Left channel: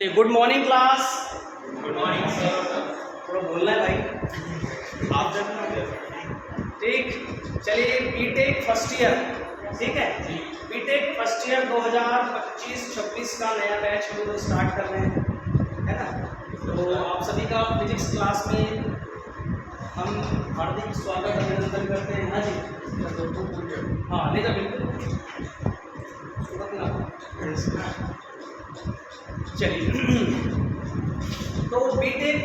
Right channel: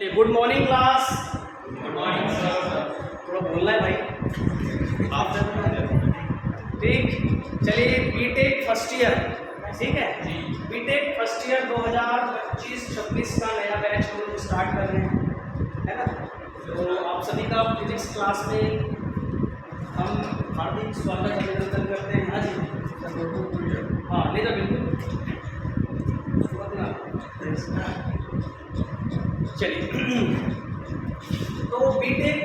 Good morning class. Good morning sir. थोड़ा बोलना है भाई। आप ठीक, चलिए बीटेक फर्स्ट ईयर, ठीक है जी। बीटेक फर्स्ट ईयर 2025-26 का नया बैच हम लोग स्टार्ट कर रहे हैं, है ना। तो आप सभी का फिजिक्स क्लास में हम हार्दिक स्वागत अभिनंदन करते हैं। हाँ जी, हाँ ले जा बिल्कुल। चलिए तो बीटेक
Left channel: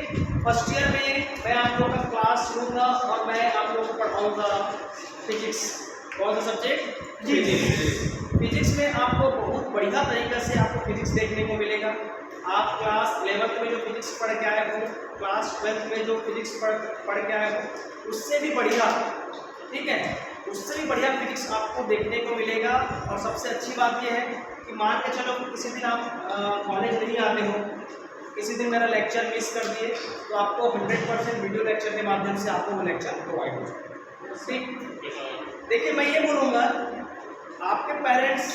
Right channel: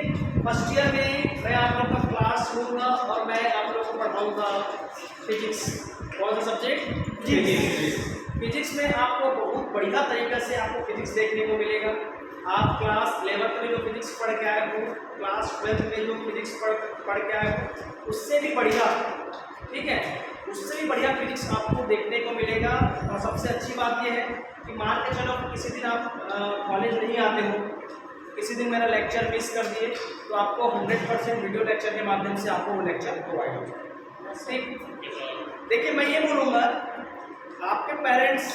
फर्स्ट ईयर में मैं आप लोग का क्लास लूँगा और मैं आप लोग को पढ़ाऊँगा फिजिक्स। कौन सा सब्जेक्ट? फिजिक्स। फिजिक्स में आपको बहुत बढ़िया तरीके से आपको फिजिक्स देखने को मिलेगा। आप क्लास 11th में जो फिजिक्स पढ़ के आए हो, क्लास 12th में जो फिजिक्स पढ़ के आए हो, उससे भी बढ़िया, ठीक है, उससे भी बढ़िया फिजिक्स आपको देखने को मिलेगा। और सबसे अच्छी बात यह है कि मान के चलो कि किसी दिन आप कॉलेज नहीं आते हो, किसी दिन मेरा लेक्चर मिस कर दिए, तो आपको 100% वीडियो लेक्चर के माध्यम से आपको वो लेक्चर प्रोवाइड हो जाएगा। ठीक, देखिए मैं ये बोलूँगा, आपके पेरेंट्स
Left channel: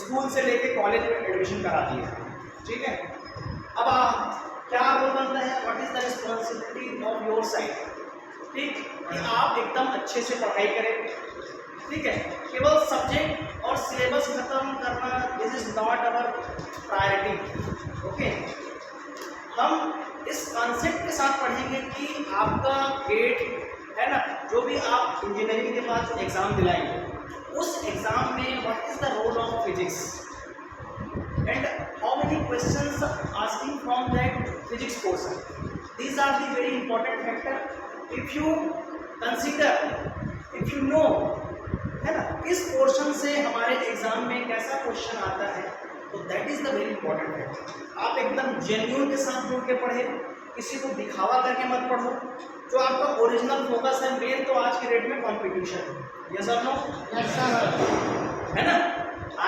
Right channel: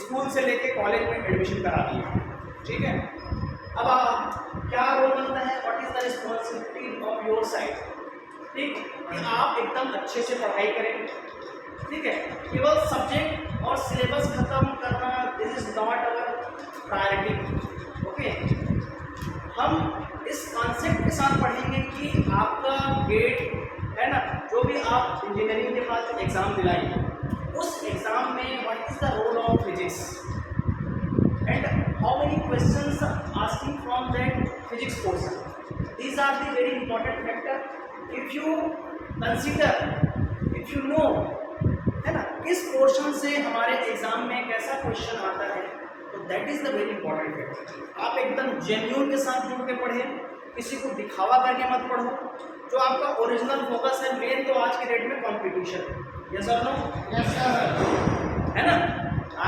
स्कूल से लेके कॉलेज में एडमिशन करा दिए, ठीक है। अब आप क्या रोल बनता है, what is the responsibility of your side, ठीक, कि आप एकदम अच्छे से पढ़ाई करें, ठीक है। केवल सब्जेक्ट और सिलेबस खत्म करना this is not our priority, okay. हम इस कॉन्सेप्ट के साथ पढ़ेंगे कि आपका गेट है ना, जो भी आप इंजीनियरिंग के बाद एग्ज़ाम दिलाएंगे, उस एग्ज़ाम में what is the role of physics and how many questions asking from that physics portion. These are the very important factor. If you consider, if you know, है ना, किस पोर्शन से हमारे एग्जाम में कैसा क्वेश्चन आता है, तो that is the very important factor. आप एकदम जेन्युइन के साथ जुड़ के पढ़े, किसी को दिखावा करके मत पढ़ो। जो आपका ओरिजिनल फोकस है, मेन तो आज की डेट में कंपटीशन, यस और नो? Yes sir. है ना,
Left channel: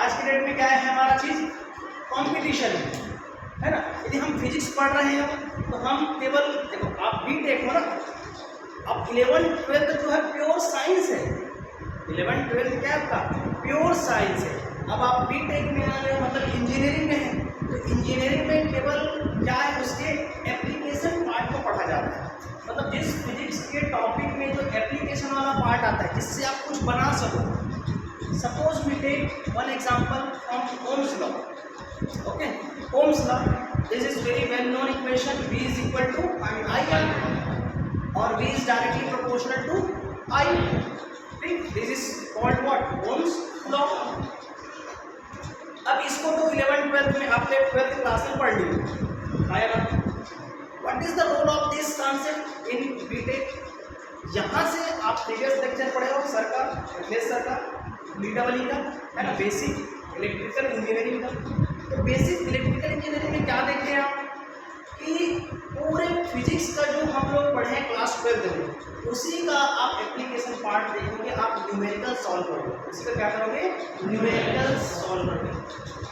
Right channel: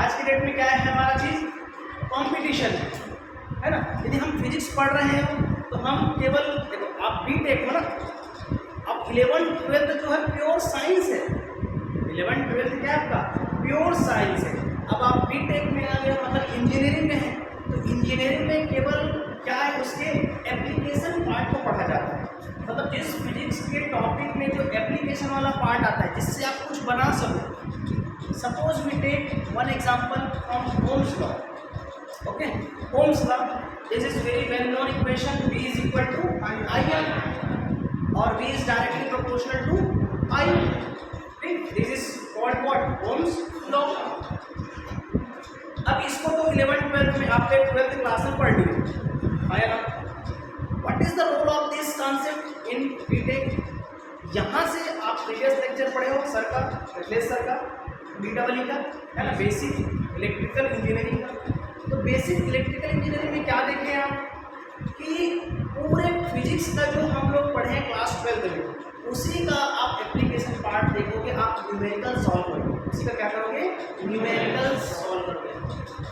आज की डेट में क्या है हमारा चीज, कंपटीशन है ना। यदि हम फिजिक्स पढ़ रहे हो तो हम केवल देखो, आप बीटेक हो ना, अब 11th-12th जो है प्योर साइंस है। 11th-12th क्या है आपका, प्योर साइंस है। अब आप बीटेक में आ गए, मतलब इंजीनियरिंग में है, तो इंजीनियरिंग में केवल क्या है, उसके एप्लीकेशन पार्ट को पढ़ा जाता है। मतलब जिस फिजिक्स के टॉपिक में जो एप्लीकेशन वाला पार्ट आता है, जिससे आप कुछ बना सको। Suppose we take one example from Ohm's law, okay. Ohm's law, this is very well known equation, V is equal to IR और V is directly proportional to I। This is called what, Ohm's law. अब इसको तो 11th-12th में आपने 12th class में पढ़ लिया है ना। What is the role of this concept in BTech? यहाँ से आप प्रीवियस लेक्चर पढ़े हो सर का, अखिलेश सर का, BEE का, है ना, बेसिक इलेक्ट्रिकल इंजीनियरिंग का। तो बेसिक इलेक्ट्रिकल इंजीनियरिंग में क्या देख रहे हैं आप कि पूरे फिजिक्स का जो हम लोग पढ़े हैं क्लास 12th में, उसी का आप एप्लीकेशन पार्ट देखोगे, आप न्यूमेरिकल सॉल्व करोगे। उसी का क्या करोगे, न्यूमेरिकल सॉल्व करोगे।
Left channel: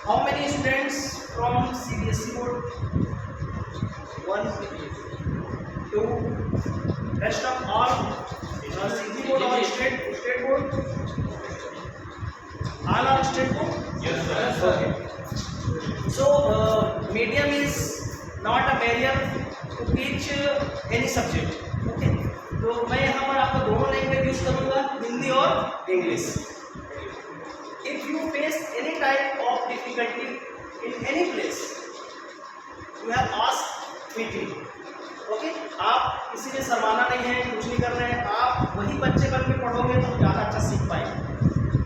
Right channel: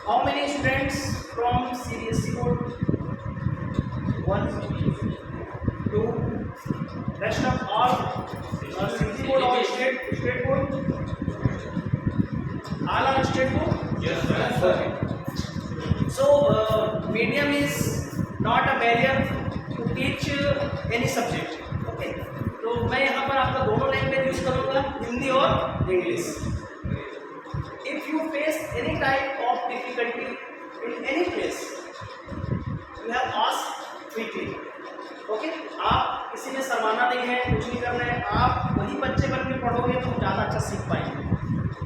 How many students from CBSE board? 1 2 rest of all CBSE board और state board, all are state board? Yes sir. Okay. So medium is not a barrier to teach any subject, okay? तो मैं यहाँ पर आपका दोनों language use करूँगा, हिंदी और English. If you face any type of difficulty in any place, you have asked quickly, okay? आप किसी में शर्माना नहीं है, कुछ नहीं कर रहे हैं, आप वही बच्चे बन के पढ़ोगे तो ज़्यादा अच्छा सीख पाएंगे,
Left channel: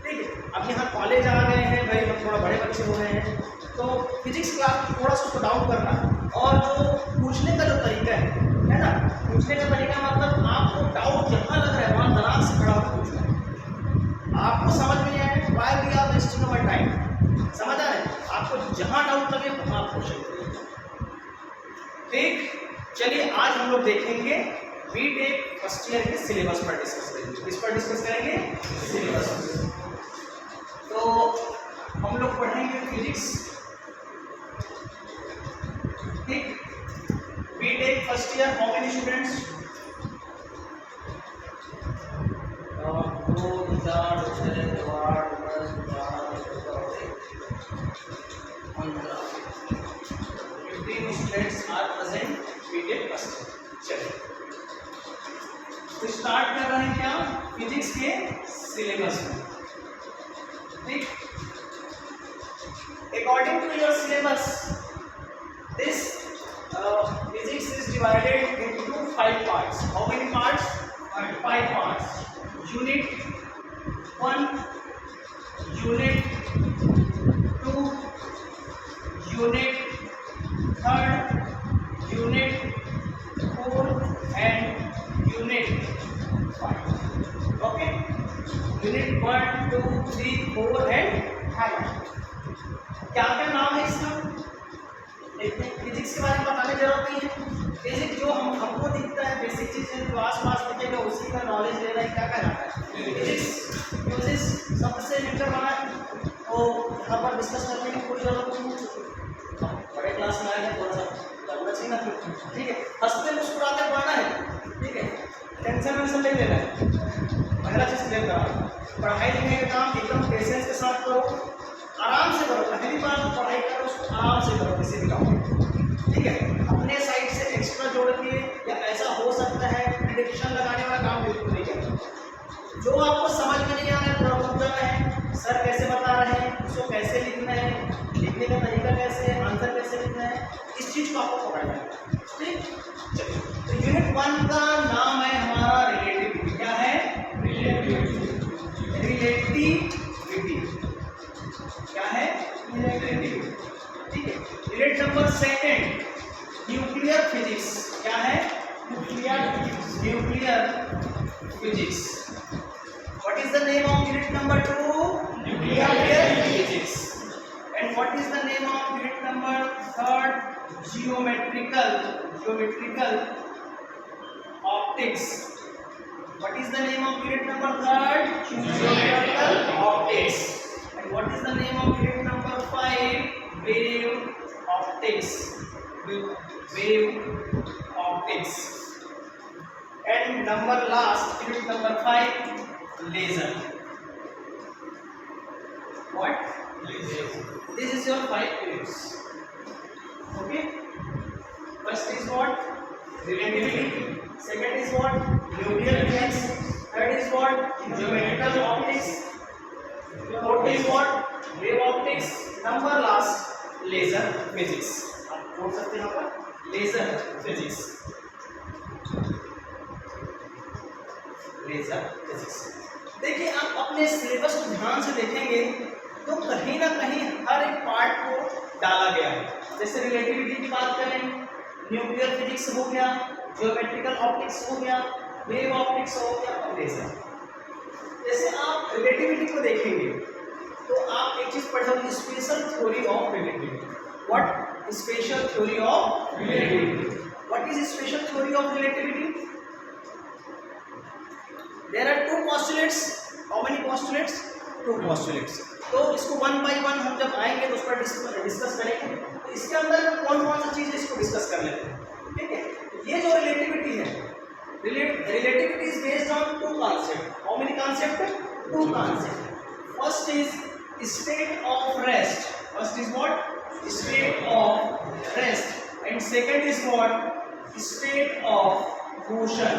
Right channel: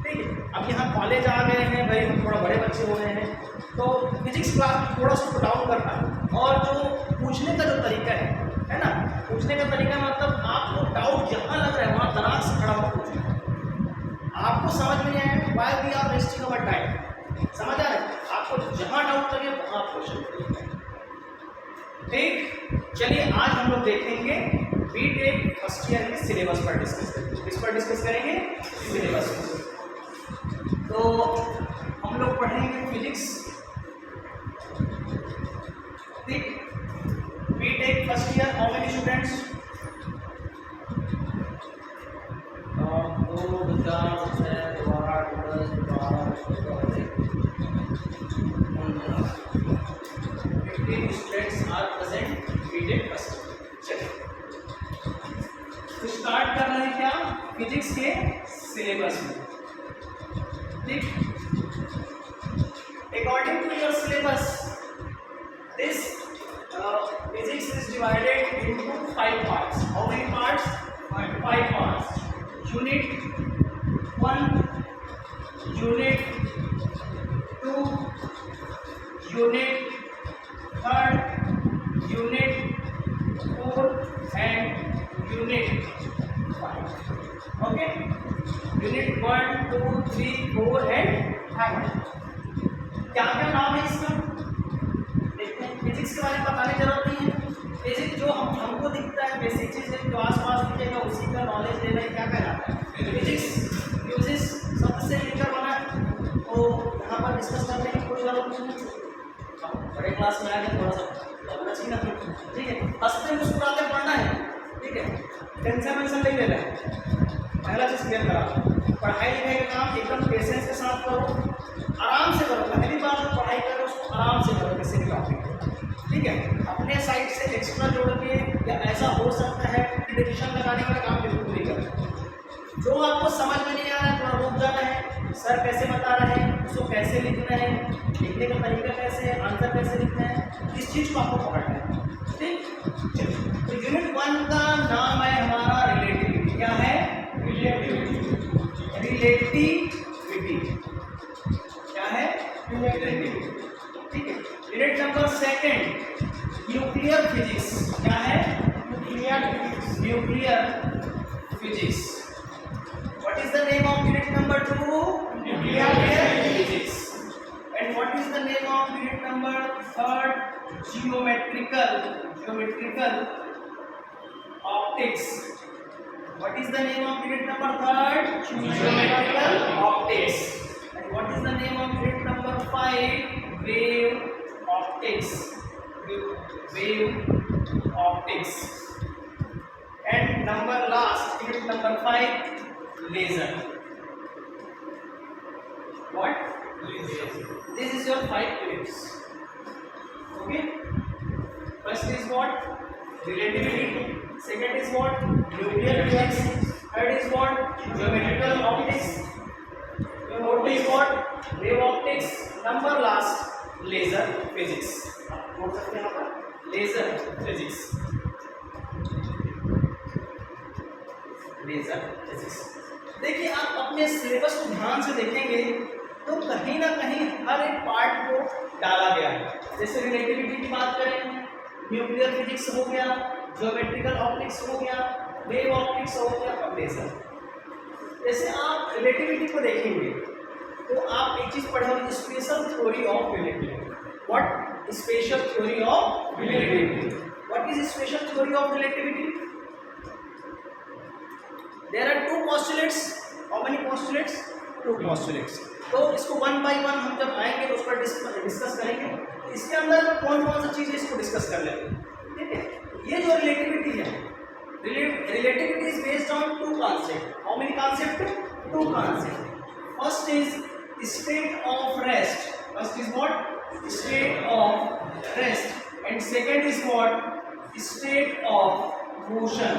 ठीक है। अब यहाँ कॉलेज आ गए हैं भाई, हम थोड़ा बड़े बच्चे हो गए हैं, तो फिजिक्स क्लास में थोड़ा सा उसको डाउन करना है। और जो पूछने का जो तरीका है ना, पूछने का तरीका मतलब आपको डाउट जहाँ लग रहा है वहाँ दिमाग से खड़ा होकर पूछना है। आपको समझ में नहीं आए, why we are wasting our time, समझ आ रहा है? आपको जहाँ डाउट लगे वहाँ आप क्वेश्चन करिए, ठीक। चलिए आज हम लोग देखेंगे बीटेक फर्स्ट ईयर के सिलेबस पर डिस्कस करेंगे। किस पर डिस्कस करेंगे? सिलेबस। तो हम लोग पढ़ेंगे फिजिक्स, ठीक। BTech first year, how many students? 2 2 4 6 2 8 10 12 15 students are present BTech first. चलिए तो स्टार्ट कर रहे हैं क्या फिजिक्स के सिलेबस में। ठीक, according to your syllabus this physics is divided into 5 parts. How many parts? 5 parts. Unit 1, Unit 2, Unit 3, Unit 4 and Unit 5. Okay? Unit 1, 2, 3, 4 and 5. क्या क्या नाम है इसका? देखते हैं। फिजिक्स के बारे में बताने की जरूरत नहीं है। फिजिक्स जो हमको दिखता है बेसिक चीज़ है, जो आसपास दिखेगा उसी का नॉलेज लेना है। क्या जाता है फिजिक्स यूजेस शब्द से मिलकर बना है, तो यहाँ पर डिस्कस करने की कोई जरूरत नहीं है। बड़े क्लास में आएंगे थोड़ा सा लगना चाहिए ना। ठीक है, हंसते मुस्कुराते पढ़ना है। ठीक है, टेंशन वेंशन नहीं लेना है। पहला चीज़ क्लियर करा, पढ़ाई लिखाई का काम एकदम पेशेंस के साथ करो, आराम से करो। पहली बार पढ़ाई करो उसको आराम से करो किसी भी टॉपिक। ठीक है, अपने साइड से एक्स्ट्रा जोड़ के या ऐसा हो सकता है डिरेक्शन लगाने वाला काम बिल्कुल नहीं करना। जो आपको समझ में नहीं आ रहा है थोड़ा रुक जाना है, सर कैसे बता रहे हैं उसको कैसे लिखना है, लिखने का तरीका कैसे है, आंसर कैसे लिखना है, इस चीज़ को आपको पकड़ना है। ठीक, चलिए तो यूनिट 1 का नाम है हमारा रिलेटिविटी। क्या है? रिलेटिविटी। क्या है? रिलेटिविटी। ठीक है, यूनिट नंबर 2 न्यूक्लियर फिजिक्स। क्या है? Nuclear physics. What is the name of unit number 2? Nuclear physics. And what is the name of unit number 3? Geometrical optics. What is the name of unit number 3? Geometrical optics. And what is the name of unit number 5? Wave optics. Wave optics. And number last, unit number 5, laser. What? Laser. This is your 5 units. Okay. First is what? Relativity. Second is what? Nuclear physics. Third is what? Geometrical optics. Fourth is what? Wave optics. Number last, laser physics. आप note सकते हैं यहाँ पर laser physics. Laser physics. देखिए आप अपने syllabus को ध्यान से देखेंगे तो कहीं ना कहीं हर एक पार्ट को डाला गया है। जैसे रिलेटिविटी की बात करें, न्यूक्लियर फिजिक्स हो गया, ज्योमेट्रिकल ऑप्टिक्स हो गया, वेव ऑप्टिक्स हो गया और लेजर। जैसे आप रिलेटिविटी को देखेंगे तो आप एक चीज पढ़े होंगे, special theory of relativity. What? Special theory of relativity. What is special theory of relativity? There are 2 postulates. How many postulates? 2 postulates. तो इसको 1 by 1 हम जब आएंगे तो उस पर डिस्कस करेंगे। तो इसके अंदर कौन कौन सा चीज़ है इसको डिस्कस कर लेते हैं। ठीक है, ये जो रिलेटिविटी है, relativity is based on 2 concept. How many concept? 2 concept. First is state of rest. First is what? State of rest. And second is what? State of motion.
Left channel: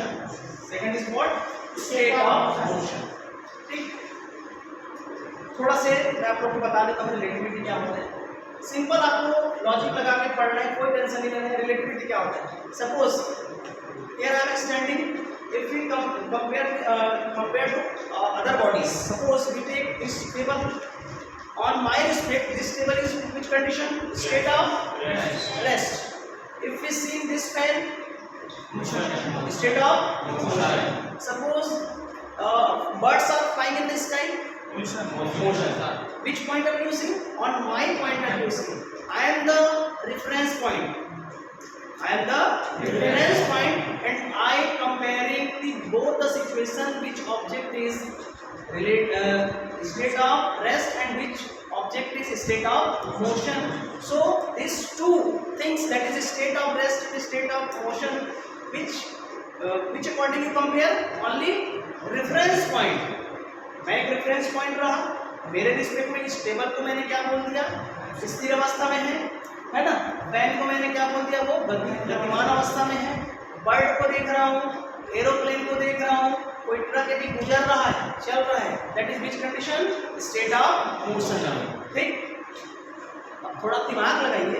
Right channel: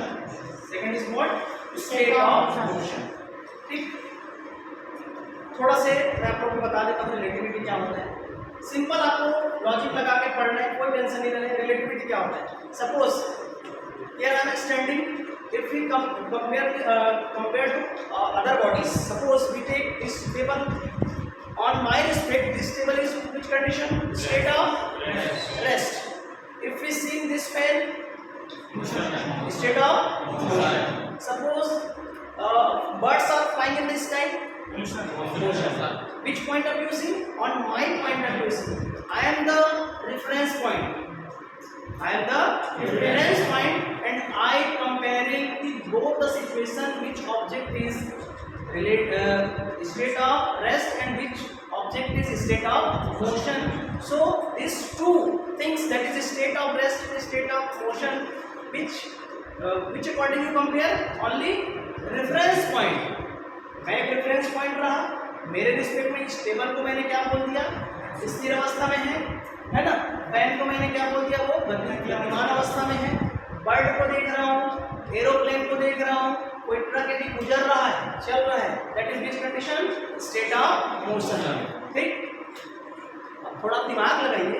Second is what? State of motion. ठीक, थोड़ा से मैं आप लोग को बता देता हूँ रिलेटिविटी क्या होता है। सिंपल आपको लॉजिक लगा के पढ़ना है, कोई टेंशन नहीं लेना है। रिलेटिविटी क्या होता है? Suppose here I am standing, if we compare to other bodies, suppose we take this table, on my respect this table is which condition? State of rest. If we see this pen, state of motion. Suppose birds are flying in the sky, motion. Which point of view see? On my point of view see, I am the reference point. I am the reference point and I comparing both the situation which object is state of rest and which object is state of motion. So these 2 things, that is state of rest and state of motion, which according you compare? Only reference point. मैं एक reference point रहा, मेरे respect में इस table को मैंने क्या बोल दिया? स्थिर अवस्था में है ना। फैन को मैंने क्या बोल दिया, वो गतिमान अवस्था में है। बर्ड को देख रहा हूँ, एरोप्लेन को देख रहा हूँ, कोई ट्रक यदि गुजर रहा है, चल रहा है, that is which condition, state of motion. ठीक, अब थोड़ा दिमाग लगाइए।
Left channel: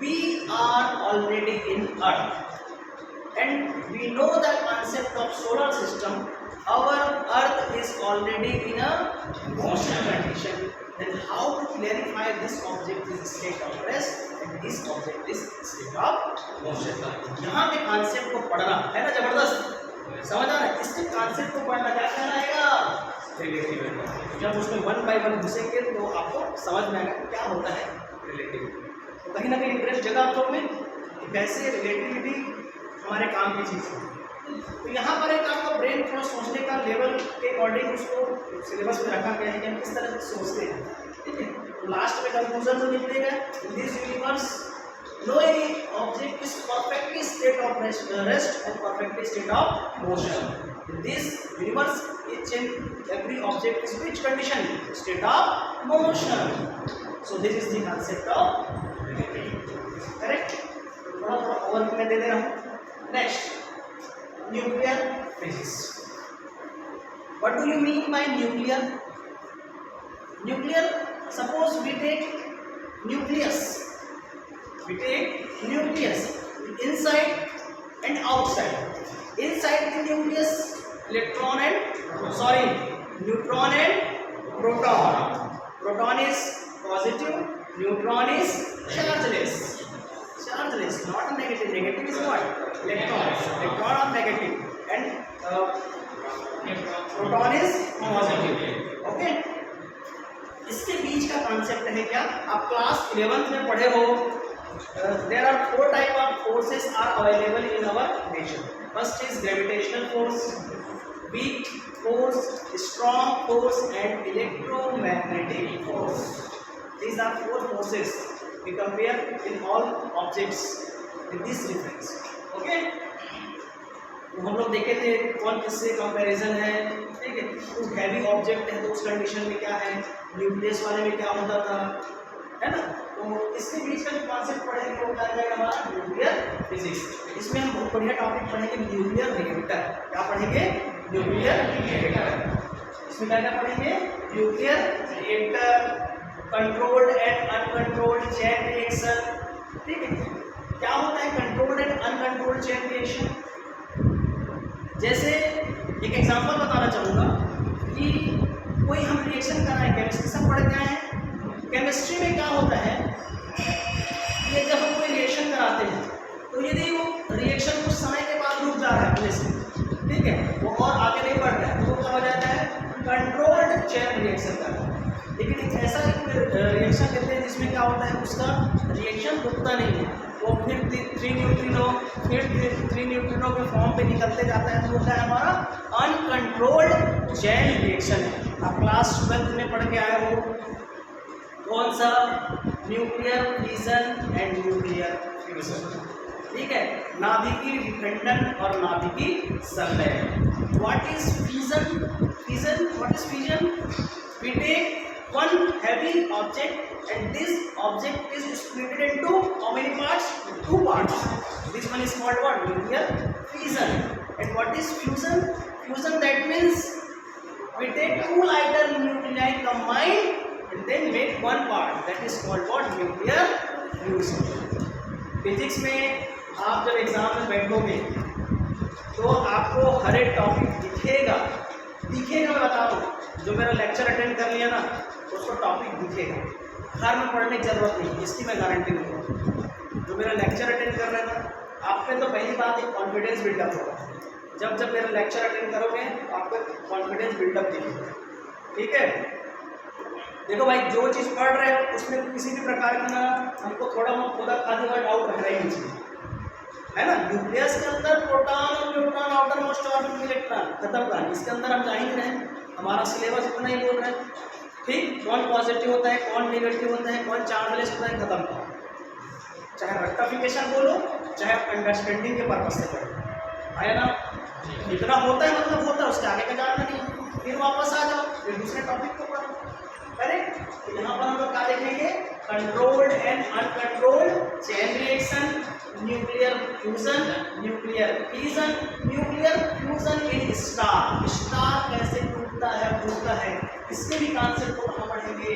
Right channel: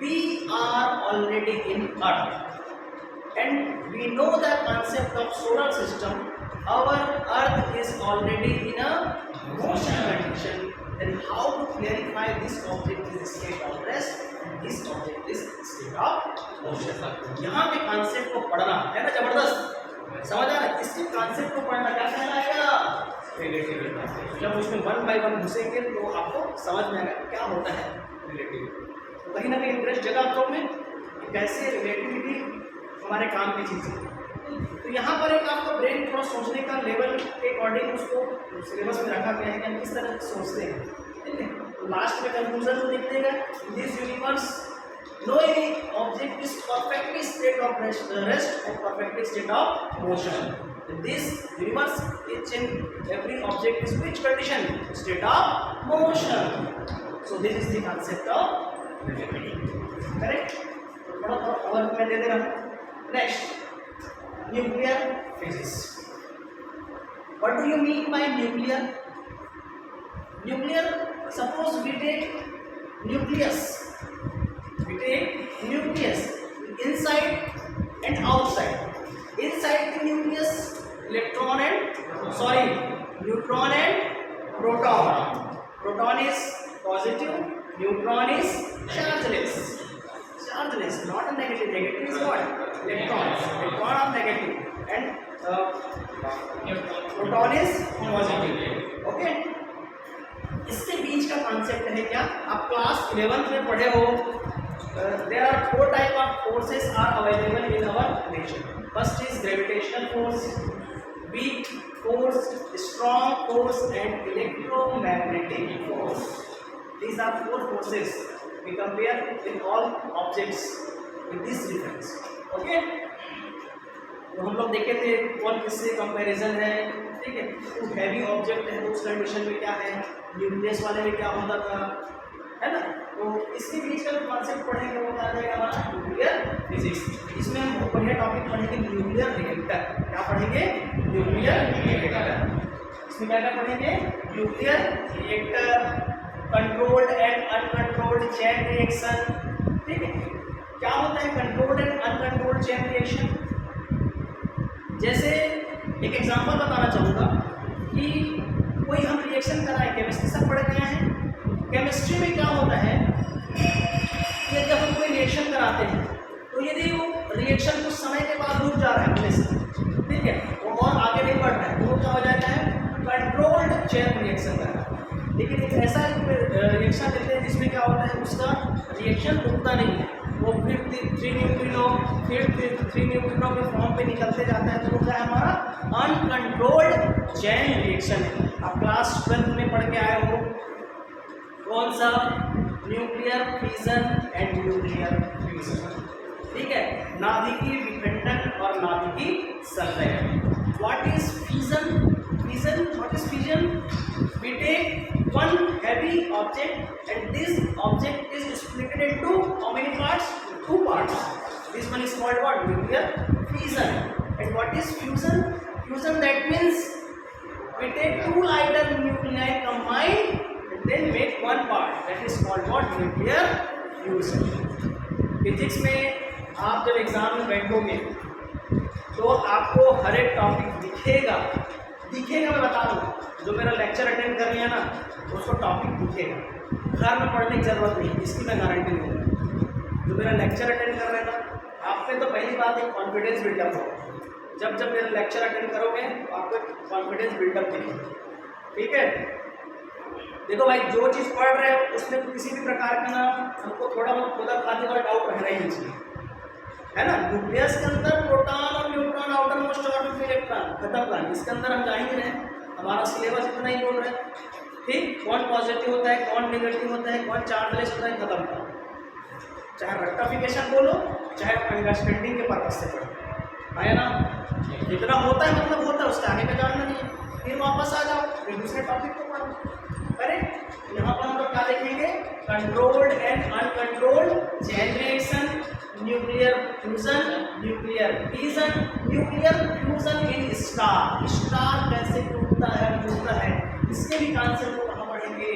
We are already in earth and we know the concept of solar system. Our Earth is already in a motion condition. Then how to clarify this object is state of rest and this object is state of motion? यहाँ पे concept को पढ़ना है ना, जबरदस्त समझ आ रहा है। इसके कॉन्सेप्ट को पढ़ना क्या कहलाएगा, रिलेटिविटी। जब उसमें वन बाय वन घुसेंगे तो आपको समझ में आएगा कि क्या होता है रिलेटिविटी। तो कहीं ना कहीं इंटरेस्ट जगह आप लोग में कि कैसे रिलेटिविटी हमारे काम की चीज़ है। तो यहाँ पर एक आपका ब्रेन थोड़ा सोचने का लेवल के अकॉर्डिंग उसको सिलेबस में रखा गया है कि हम किस तरह से सोचते हैं। ठीक है, तो लास्ट में कंक्लूजन जो निकलेगा, in this universe no any object is perfectly state of rest and perfectly state of motion. In this universe each and every object is which condition, state of motion. So this is the concept of relativity. Correct, थोड़ा थोड़ा overview में दे दे रहा हूँ। Next, nuclear physics. What do you mean by nuclear? Nuclear, suppose we take nucleus. We take nucleus inside and outside. Inside the nucleus, electron and neutron and proton. Proton is positive, neutron is chargeless. Chargeless, not a negative. Negative is what? Electrons. Electron are negative and proton is positive. Okay. इसके बीच का concept है क्या, आप class 11th में पढ़े हो। There are 4 type of forces are available in our nature. First is gravitational force, weak force, strong force and electromagnetic force. These are 4 forces we compare in all objects with this difference. Okay? तो हम लोग देखे थे कौन किससे comparison है। ठीक है, तो हैवी ऑब्जेक्ट है तो उस कंडीशन में क्या है, न्यूक्लियस वाले में क्या होता था, है ना। तो इसके बीच का जो कॉन्सेप्ट पढ़ेंगे वो क्या जाएगा हमारा न्यूक्लियर फिजिक्स। इसमें हम बहुत बढ़िया टॉपिक पढ़ेंगे, न्यूक्लियर रिएक्टर। क्या पढ़ेंगे, न्यूक्लियर रिएक्टर। इसमें क्या क्या पढ़ेंगे, nuclear reactor, controlled and uncontrolled chain reaction. ठीक है, क्या होता है controlled and uncontrolled chain reaction. जैसे एक एग्जांपल बताना चाहूँगा कि कोई हम रिएक्शन कराएं, केमिस्ट्री सब पढ़ गए हैं। केमिस्ट्री में क्या होता है कि जब हम कोई रिएक्शन कराते हैं तो यदि वो रिएक्शन कुछ समय के बाद रुक जा रहा है अपने से, ठीक है, वो और आगे नहीं बढ़ रहा है, तो वो क्या हो जाता है, कंट्रोल्ड चेन रिएक्शन कर रहा है। लेकिन एक ऐसा एक रिएक्शन लेते हैं जिसमें क्या होता है, उसका रिएक्शन रुकता नहीं है, वो फिर 3 न्यूट्रिनो फिर 3 न्यूट्रिनो के फॉर्म पे निकलते जाता है, तो वो क्या है हमारा अनकंट्रोल्ड चेन रिएक्शन है। आप क्लास 12th में पढ़ के आए हो, कौन सा, nuclear fission and nuclear fusion. ठीक है, नाभिकीय विखंडन और नाभिकीय संलयन। What is fission? Fission, what is fission? We take one heavy object and this object is split into how many parts? 2 parts. This one is called what? Nuclear fission. And what is fusion? Fusion, that means we take 2 lighter nuclei combined and then make one part. That is called what? Nuclear fusion. Physics में आप जब exam में बैठोगे तो आपको हर एक topic दिखेगा मैं बता दूँ, जो मेरा लेक्चर अटेंड कर लिया ना उसको टॉपिक दिखेगा, घर में पढ़ने की ज़रूरत नहीं, इसकी मैं गारंटी दूँगा। जो मेरा लेक्चर अटेंड कर रहे हैं ना, आप में तो पहली बात एक कॉन्फिडेंस बिल्डअप होगा। जब मेरा लेक्चर अटेंड करोगे तो आपको एक कॉन्फिडेंस बिल्डअप दिखेगा। ठीक है, देखो भाई, जो चीज़ पढ़ रहे हो उसमें किसी भी प्रकार का ना हमको थोड़ा बहुत खुदा खादी वाला डाउट रहना ही नहीं चाहिए, है ना। न्यूक्लियस के अंदर प्रोटॉन और न्यूट्रॉन, आउटर मोस्ट ऑर्बिट में इलेक्ट्रॉन, खत्म कहानी। इसके अंदर हम जा ही नहीं रहे, हमारा सिलेबस इतना ही बोल रहे हैं। ठीक, कौन पॉजिटिव होता है, कौन नेगेटिव होता है, कौन चार्जलेस होता है, खत्म करो। चाहे रेक्टिफिकेशन बोलो, चाहे अंडरस्टैंडिंग के पर्पज से पढ़ो, आया ना। इतना होता है मतलब होता है, उसके आगे का जानना नहीं है, फिर वापस आ जाओ, फिर दूसरे टॉपिक को पढ़ो। करेक्ट, तो यहाँ पर हम लोग क्या देखेंगे, controlled and uncontrolled chain reaction, nuclear fusion, nuclear fission, nuclear fusion in star, star कैसे टूटता है फूटता है, इसके भी कॉन्सेप्ट को कहाँ पढ़ेंगे,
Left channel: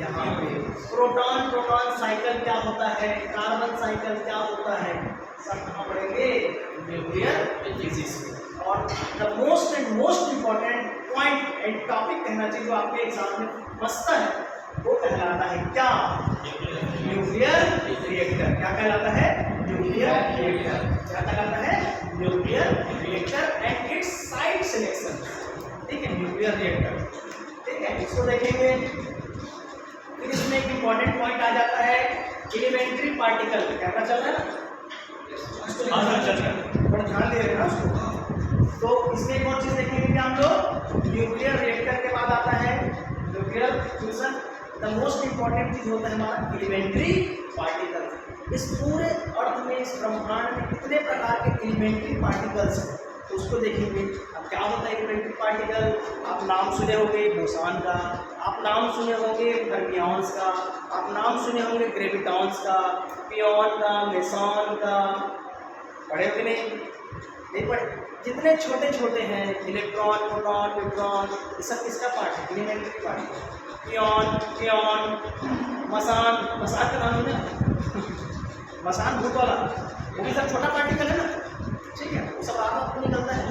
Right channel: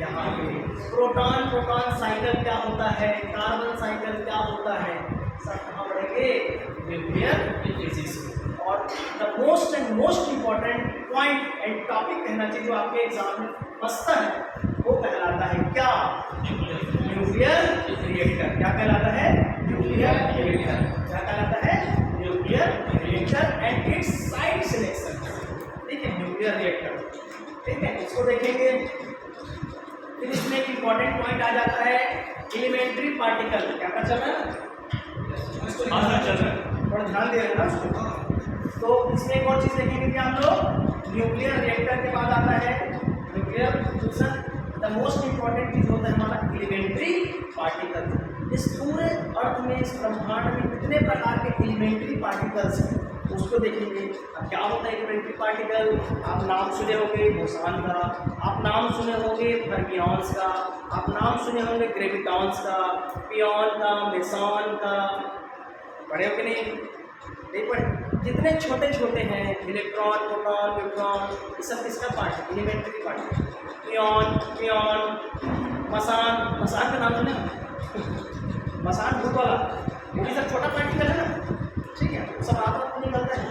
यहाँ पे। प्रोटॉन प्रोटॉन साइकिल क्या होता है, कार्बन साइकिल क्या होता है, सब कहाँ पढ़ेंगे, न्यूक्लियर फिजिक्स में। और the most and most important point and topic कहना चाहिए जो आपके एग्जाम में फंसता है वो कहलाता है क्या, न्यूक्लियर रिएक्टर। क्या कहलाता है, न्यूक्लियर रिएक्टर। क्या कहलाता है, nuclear reactor and it's site selection. ठीक है, न्यूक्लियर रिएक्टर, ठीक है, इसको देखेंगे। फिर इसमें एक इंपॉर्टेंट पॉइंट आ जाता है एलिमेंट्री पार्टिकल। क्या पता चल रहा है ना, चल रहा है, थोड़ा ध्यान दे रहे ना उसको। तो इसमें एक और चीज देखेंगे कि हम लोग न्यूक्लियर रिएक्टर के बाद आता है nuclear fusion. The most important चीज होता है हमारा एलिमेंट्री पार्टिकल। इस पूरे अर्थ में, इस ब्रह्मांड में कितने प्रकार के एलिमेंट्री पार्टिकल्स हैं तो उसको देखेंगे। अब क्या होता है एलिमेंट्री पार्टिकल, आप नाम सुने होंगे बोसॉन का, आप नाम सुने होंगे फर्मियंस का, आप नाम सुने होंगे ग्रेविटॉन्स का, पियोन का, मेसॉन का, पढ़े हो कि नहीं पढ़े। जितने छोटे छोटे हैं इलेक्ट्रॉन, प्रोटॉन, न्यूट्रॉन, ये सब किसका पार्ट है, एलिमेंट्री पार्ट है। पियोन, मसान, मसान का नाम सुने मसान भूत वाला, वो भी सब छोटा पार्टिकल है ना, ठीक है, वो सब आपस में निकलता है,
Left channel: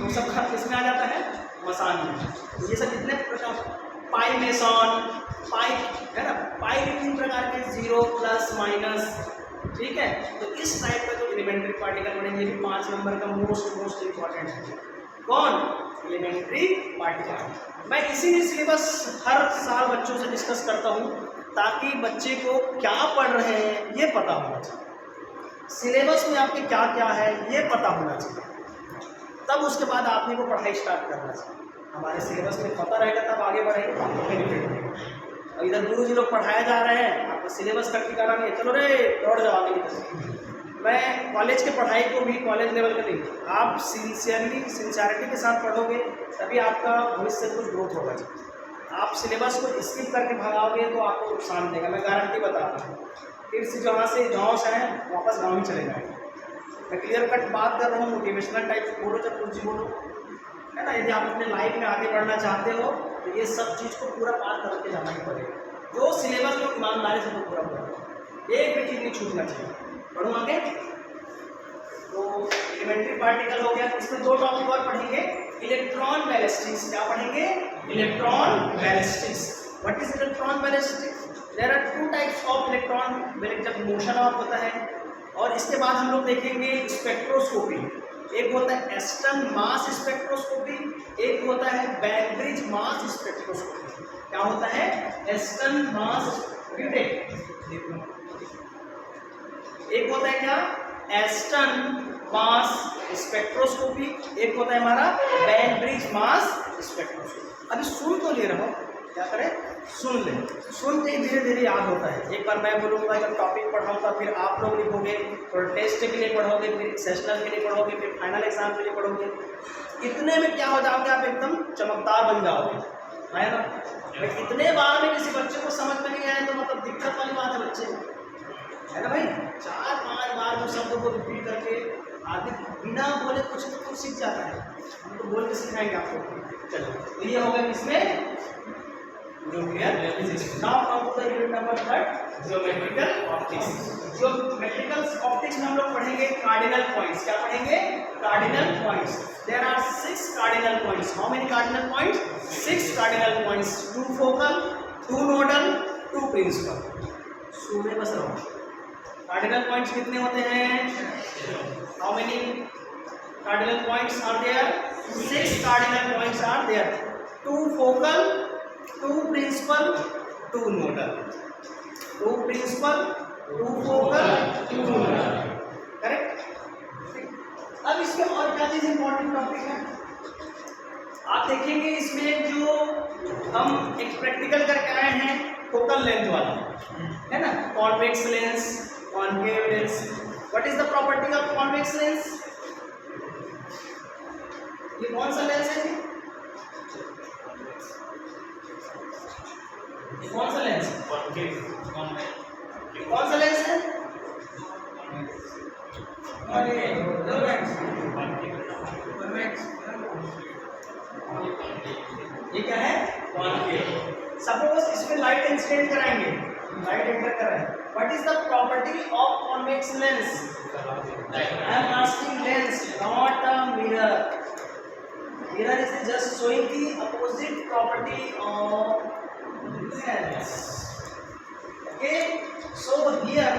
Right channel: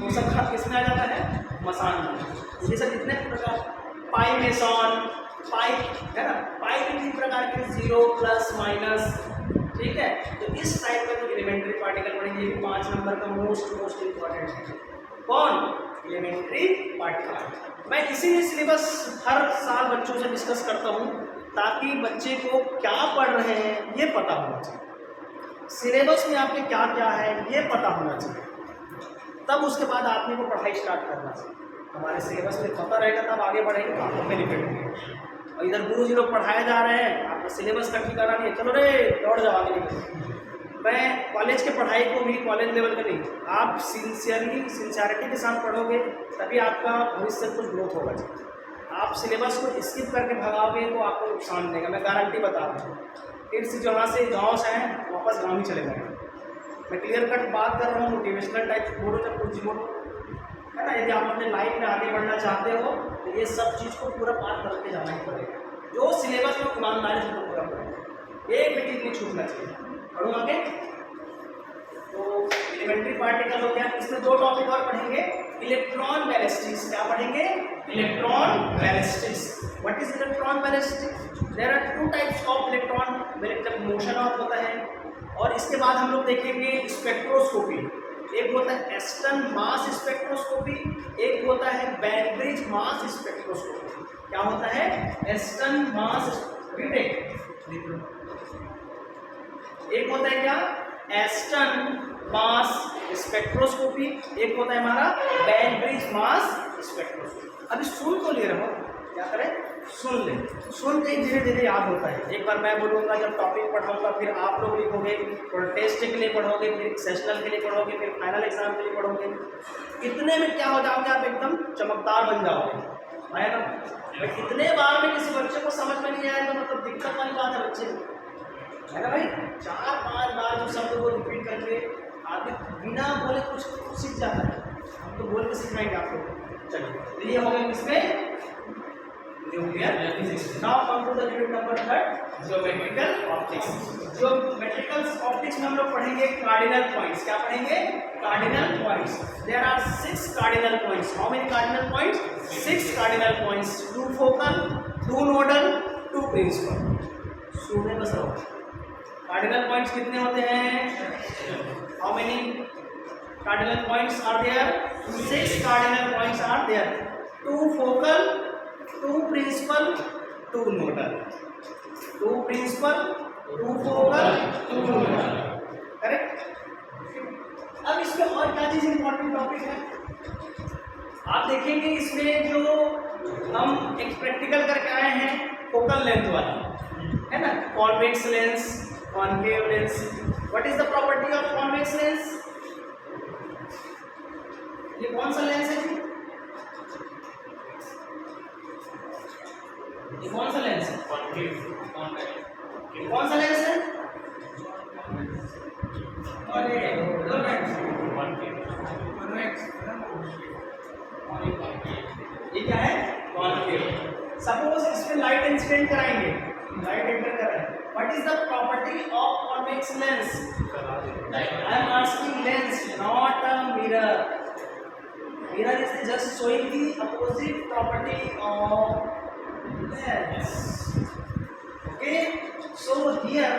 वो सब किस में आ जाता है, मसान में। ये सब जितने प्रकार, पाई मेसॉन, पाई है ना, पाई के 3 प्रकार के, 0 प्लस माइनस, ठीक है। तो इस टाइप का जो एलिमेंट्री पार्टिकल बनेंगे, ये भी 5 नंबर का मोस्ट इंपॉर्टेंट है। कौन, एलिमेंट्री पार्टिकल। मैं इसीलिए सिलेबस हर साल बच्चों से डिस्कस करता हूँ ताकि बच्चे को क्या पढ़ रहे हैं ये पता होना चाहिए, सिलेबस में आपके क्या क्या है ये पता होना चाहिए, तब उसके बाद आपने को पढ़ाई स्टार्ट करना चाहिए। हमारे सिलेबस में पता रहेगा तब आगे बढ़ेंगे, तो आपको बेनिफिट मिलेगा। और इधर गुरु जी लोग पढ़ाए जा रहे हैं, आपको सिलेबस का ठिकाना नहीं है, चलो रे दौड़ जाओ आगे निकल। मैं कॉलेज के पढ़ाई को भी कॉलेज लेवल का नहीं, आप सिंसियरिटी के साथ पढ़ोगे तभी आपका भविष्य कुछ ग्रोथ होगा। आप सिलेबस को स्किप करके भागोगे तो आपको नुकसान देगा, मैं गारंटी बता रहा हूँ। फिर से जहाँ से गाँव से हैं वापस गाँव ही चले जाएंगे। मैं क्लियर कट बात कर रहा हूँ, मोटिवेशनल टाइप बोलो जब कुछ बोलो, है ना। यदि आप अपने लाइफ में आगे बढ़ना चाहते हो तो ये सब चीज़ को पूरा पार करके जाना ही पड़ेगा। जो सिलेबस में ईमानदारी से पूरा होगा, एक भी चीज़ नहीं छूटना चाहिए। पढ़ो आगे। तो एलिमेंट्री पार्टिकल हो गया, इसमें 2 टॉपिक और पढ़ेंगे, इलेक्ट्रॉन बैलिस्टिक्स। क्या पढ़ेंगे, electron ballistics. What is electron ballistics, there are 2 types of electron, जब मोशन ऑफ होता है। और इसके बाद हम लोग देखेंगे स्पेक्ट्रोस्कोपी। एक होता है एस्टन मास स्पेक्ट्रोस्कोपी, एक होता है बैनब्रिज मास स्पेक्ट्रोस्कोपी। क्या होता है, एस्टन मास, एक होता है क्या, एस्टन मास स्पेक्ट्रोस्कोपी, एक होता है हमारा बैनब्रिज मास स्पेक्ट्रोस्कोपी। अभी सुन तो ले रहा हो, क्या करें, सुन ले, सुनते ही धीरे धीरे याद होता है। एक बार मैं बोलूँगा, जब टॉपिक पढ़ाऊँगा फिर आप लोग लिखोगे, फिर टेस्ट के लिए पढ़ोगे, फिर सेशनल के लिए पढ़ोगे, फिर फाइनल एग्जाम के लिए पढ़ोगे। इतने में क्या हो जाओगे, आप एकदम चमकदार बन जाओगे, है ना। इतने बार में किसी बच्चे को समझ में नहीं आया तो मतलब दिक्कत वाली बात है बच्चे, है ना भाई। 4-5 बार जो शब्द को रिपीट करके आदमी बिना बोले कुछ तो कुछ सीख जाता है। हम तो बोल के सिखाएंगे आपको। चलो, तो ये हो गया किसमें, nuclear physics. Now come to the unit number 3, geometrical optics. Geometrical optics में हम लोग पढ़ेंगे कार्डिनल पॉइंट्स। क्या पढ़ेंगे, cardinal points. There are 6 cardinal points. How many cardinal points, 6 cardinal points. 2 focal, 2 nodal, 2 principal. सुने बस रहो। कार्डिनल पॉइंट्स कितने होते हैं, how many cardinal points are there, 6 cardinal points are there. 2 focal, 2 principal, 2 nodal, 2 principal, 2 focal, 2 nodal, correct. अब इसमें और क्या चीज़ इंपॉर्टेंट टॉपिक है, आप देखेंगे इसमें जो हम एक प्रैक्टिकल करके आए हैं, फोकल लेंथ वाला, है ना, convex lens, concave lens. What is the property of convex lens, ये कौन सा लेंस है जी, ये कौन सा लेंस है? कौन सा लेंस है? अरे ये क्या है? कॉन्केव। सपोज इसमें लाइट इंसिडेंट कराएंगे, लाइट एंटर कर रहा है, what is the property of convex lens? I am asking lens, not a mirror. Mirror is just showing the opposite property of lens. Okay, so here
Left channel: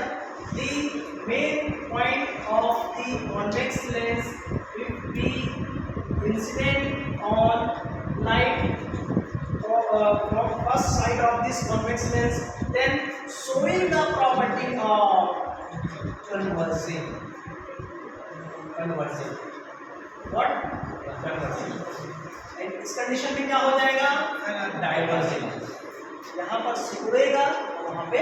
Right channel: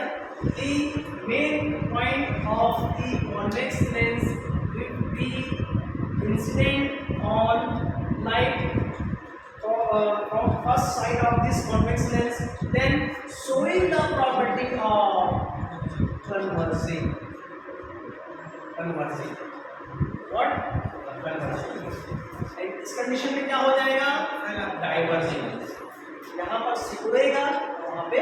the main point of the convex lens will be incident on light from first side of this convex lens, then showing the property of converging. What? Converging. इस condition में क्या हो जाएगा? Diverging. यहाँ पर सिकुड़ेगा, वहाँ पे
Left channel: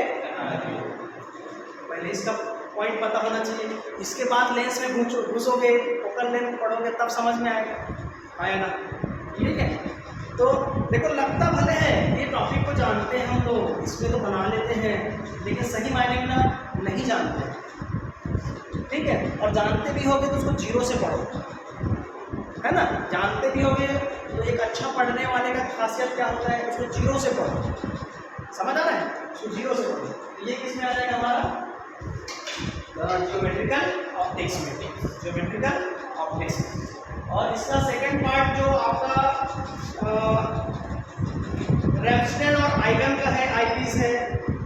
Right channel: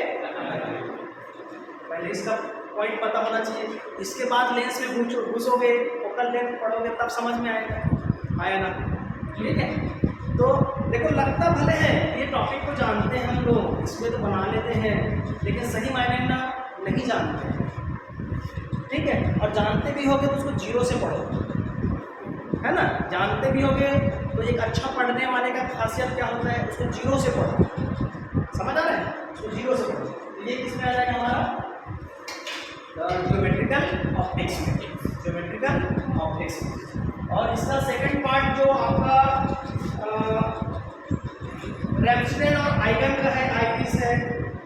पहले इसका पॉइंट पता होना चाहिए. इसके बाद लेंस में घुसोगे, फोकल लेंथ पढ़ोगे, तब समझ में आएगा. आया ना? ठीक है. तो देखो, लगता भले है ये टॉपिक को जानते हैं हम लोग, इसमें तो बना लेते हैं, लेकिन सही मायने में ना नहीं जानते हैं. ठीक है. और जानते भी होगे तो उसको जीरो से पढ़ो, है ना? जानते भी होगे तो एक अच्छा पढ़ने वाले का खासियत क्या होता है? उसको जीरो से पढ़ो. समझ आ रहा है? उसको जीरो से पढ़ो. तो ये किसमें आ जाएगा हमारा? ज्योमेट्रिकल ऑप्टिक्स में. ज्योमेट्रिकल ऑप्टिक्स में. और इसका सेकंड पार्ट जो आपका रैम्सडेल और आइगन का है, आईपीस है.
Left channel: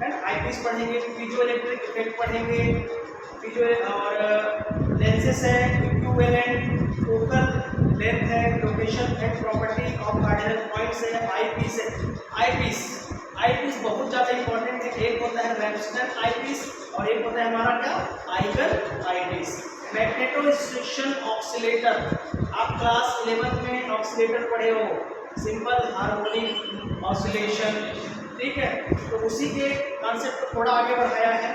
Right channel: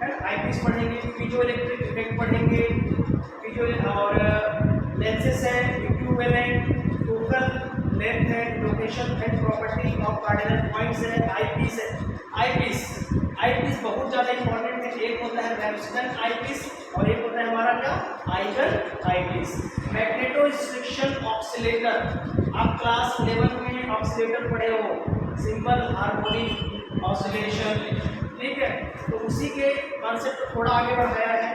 आईपीस पढ़ेंगे, पीजो इलेक्ट्रिक इफेक्ट पढ़ेंगे, पीजो और लेंसेस है, इक्विवेलेंट, फोकल लेंथ है, location and property of cardinal points है, आईपीस है. आईपीस बहुत ज़्यादा इंपॉर्टेंट है. एक होता है रैम्सडेल आईपीस और एक होता है हमारा क्या? Eigen eyepiece. मैग्नेटोस्ट्रिक्शन ऑक्सीलेटर, आप क्लास 11 में ऑक्सीलेटर पढ़े हो, सिंपल हार्मोनिक ऑसिलेशन. ठीक है. तो उसी के कॉन्सेप्ट को थोड़ा आगे बढ़ाया है.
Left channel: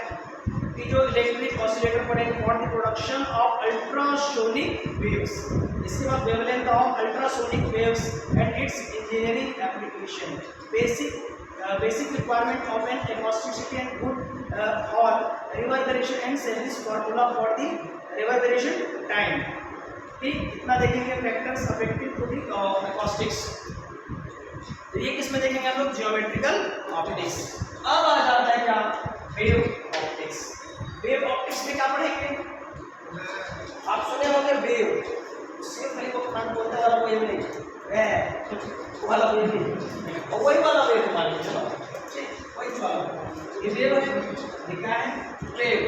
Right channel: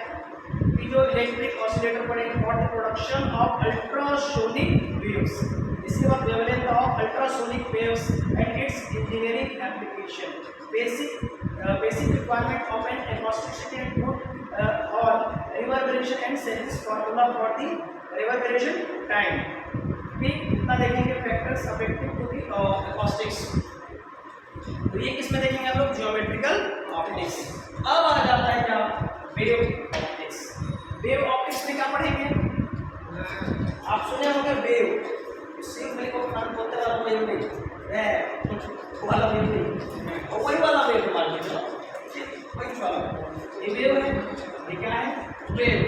जो इलेक्ट्रिक ऑसिलेटर पढ़ेंगे for the production of ultrasonic waves. इसके बाद wavelength of ultrasonic waves and its engineering application. Basic requirement of an acousticity and good और reverberation and sales formula for the reverberation time. ठीक, इतना देखेंगे factors affective to the acoustics. तो ये किसमें देखेंगे हम लोग? Geometrical optics. अब आ जाता है क्या? Wave optics. वेव ऑप्टिक्स में क्या पढ़ेंगे? आप सुने होंगे वेव, सिंपली को खान बोलते हैं, वो वेव नहीं, वाला वेव नहीं, और वही वाला वेव मान लीजिए, वही वाला ये वेव है. ये क्या है? वेव.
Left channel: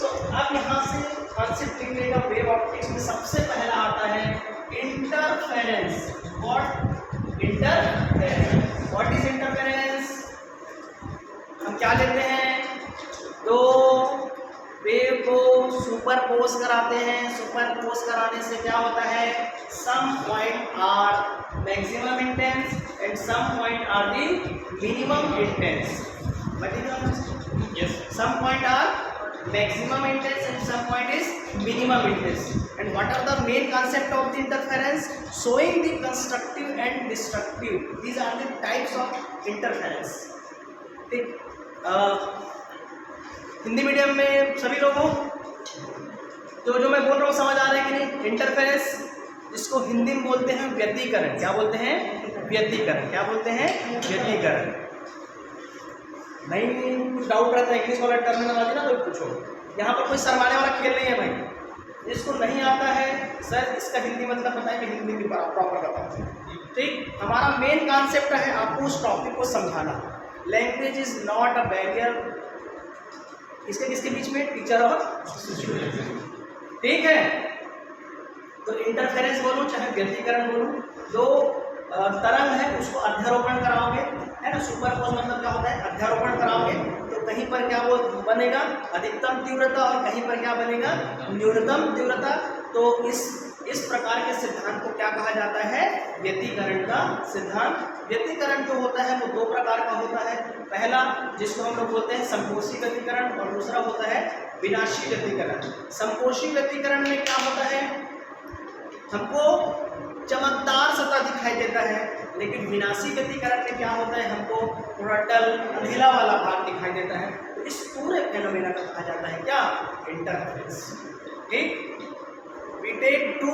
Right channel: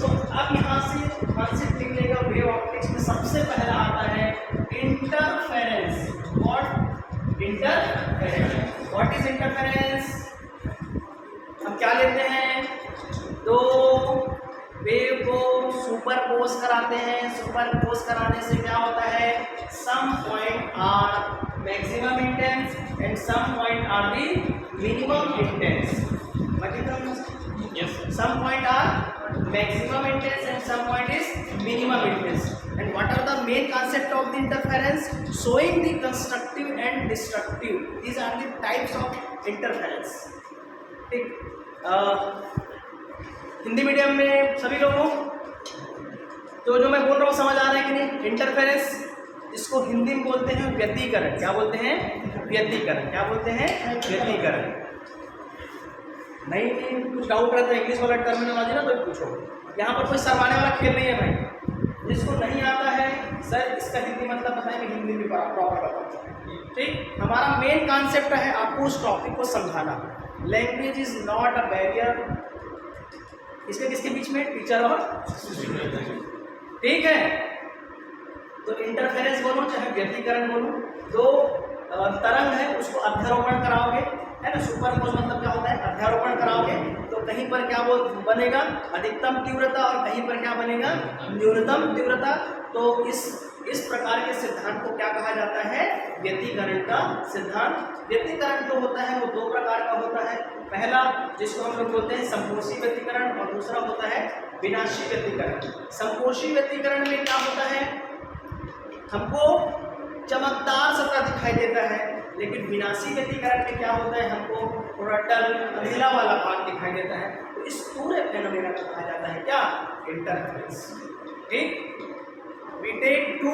तो अब यहाँ से कॉन्सेप्ट निकलेगा. वेव ऑप्टिक्स में सबसे पहला आता है interference. What? Interference. What is interference? हम क्या लेते हैं? दो वेव को सुपरपोज कराते हैं. सुपरपोज कराने से क्या होता है? Some point are maximum intense and some point are the minimum intense. Yes. Some point are maximum intense and some point is minimum intense. And what are the main concept of the interference? Showing the constructive and destructive. These are the types of interference. ठीक. Hindi medium में सभी लोगों तो जो मैं बोल रहा हूँ समझ आ रहा है कि नहीं? इंटरफेरेंस, जिसको हिंदी में बोलते हैं व्यतिकरण. क्या बोलते हैं? व्यतिकरण. क्या बोलते हैं? व्यतिकरण. नहीं, कुछ डाउट रहता है इंग्लिश वाला टर्मिनोलॉजी ना, तो पूछो. यहाँ पर कोई शर्माने वाला खेल नहीं है भाई. जिसको नहीं आता है सर इसका हिंदी मतलब पता है, कि हिंदी भी प्रॉपर बताता है. ठीक. हमारा मेन कॉन्सेप्ट है आपको उस टॉपिक को समझाना. Language is not a barrier. इसके किसके बीच में? टीचर और. ठीक है. तो इंटरफेरेंस बोलो चाहे व्यतिकरण बोलो, दो तरंग है उसको अध्यारोपण कराओगे, है ना? सुपरपोज मतलब क्या होता है? अध्यारोपण कराओगे तो कहीं पर क्या वो बनेगा? अधिकतम तीव्रता, और कहीं पर क्या बनेगा? न्यूनतम तीव्रता. तो इस प्रकार के सिद्धांत को क्या कहा जाता है? व्यतिकरण का सिद्धांत. व्यतिकरण जो होता है वो दो प्रकार का होता है. पहला जिसको हम लोग बोलते हैं संपोषी व्यतिकरण, और दूसरा होता है विनाशी व्यतिकरण. संपोषी व्यतिकरण में क्या होता है? हमको चमकदार सतह दिखाई देता है, लेकिन विनाशी व्यतिकरण में क्या होता है, हमको थोड़ा डल अंधेला वाला भाग दिखाई देता है। तो इस पूरे फेनोमेना को कहा जाता है क्या, इंटरफेरेंस। ठीक, we take two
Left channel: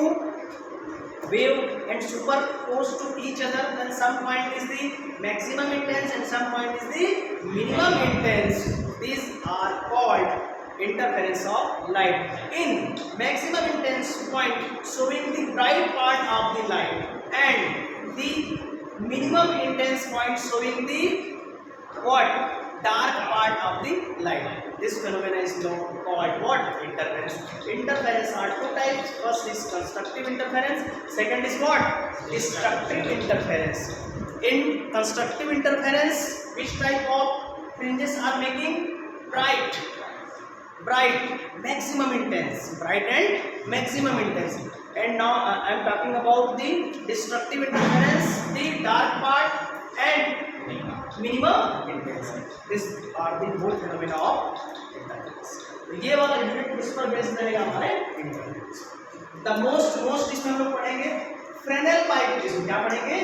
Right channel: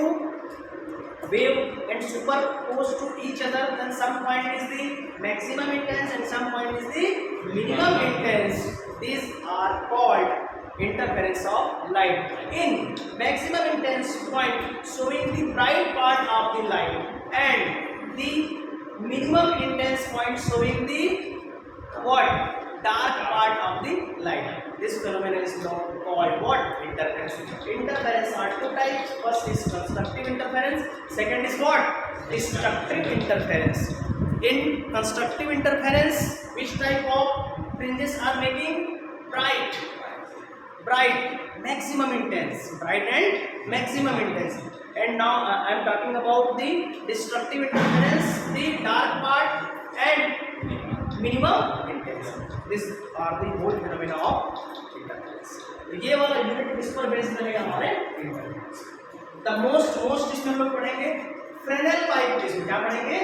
wave and superpose to each other, then some point is the maximum intense and some point is the minimum intense. These are called interference of light. In maximum intense point showing the bright part of the light and the minimum intense point showing the what, dark part of the light. This phenomenon is called what, interference. Interference are two types. First is constructive interference, second is what, destructive interference. In constructive interference, which type of fringes are making, bright, maximum intense, bright and maximum intense. And now I am talking about the destructive interference, the dark part and minimum intense. These are the whole phenomena of interference. तो ये वाला unit किस पर based रहेगा, हमारे interference. The most इसमें हम लोग पढ़ेंगे फ्रेनेल पाइप प्रिज्म। क्या पढ़ेंगे,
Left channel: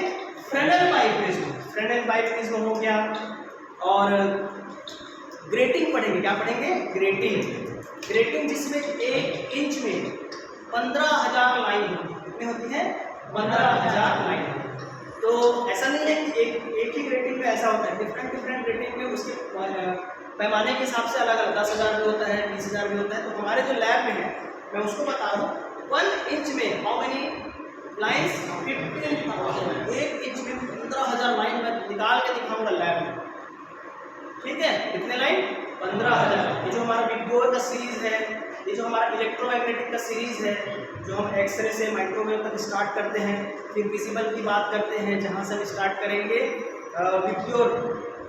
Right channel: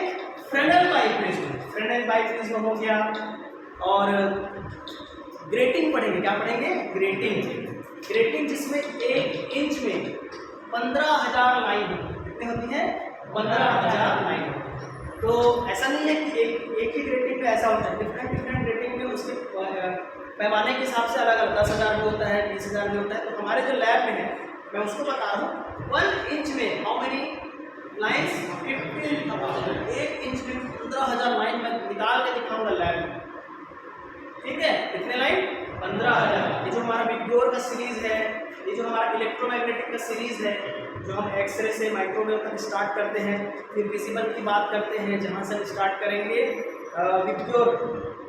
Fresnel pipe prism. Fresnel pipe prism हो गया, और ग्रेटिंग पढ़ेंगे। क्या पढ़ेंगे, ग्रेटिंग जिसमें 1 इंच में 15,000 लाइन होती है। कितनी होती है, 15,000 लाइन। तो ऐसा नहीं है कि एक ही ग्रेटिंग में ऐसा होता है, डिफरेंट ग्रेटिंग में उसके पैमाने के हिसाब से अलग अलग 10,000 भी होता है, 20,000 भी होता है। तो हमारे जो लैब में है, मैं उसको बता रहा हूँ, 1 इंच में हाउ मेनी लाइन्स, 15,000। 1 इंच में 15,000 लाइन मैं निकाल के दिखाऊंगा लैब में। ठीक है, कितने लाइन, 15,000। ये जो हमारा विक्टोर का सीरीज है, ये जो हमारा इलेक्ट्रोमैग्नेटिक का सीरीज है, जो हम एक्सरे से माइक्रोवेव तक स्टार्ट करते हैं, फिर विजिबल की बात करते हैं, जहाँ से हम स्टार्ट करेंगे विक्टोर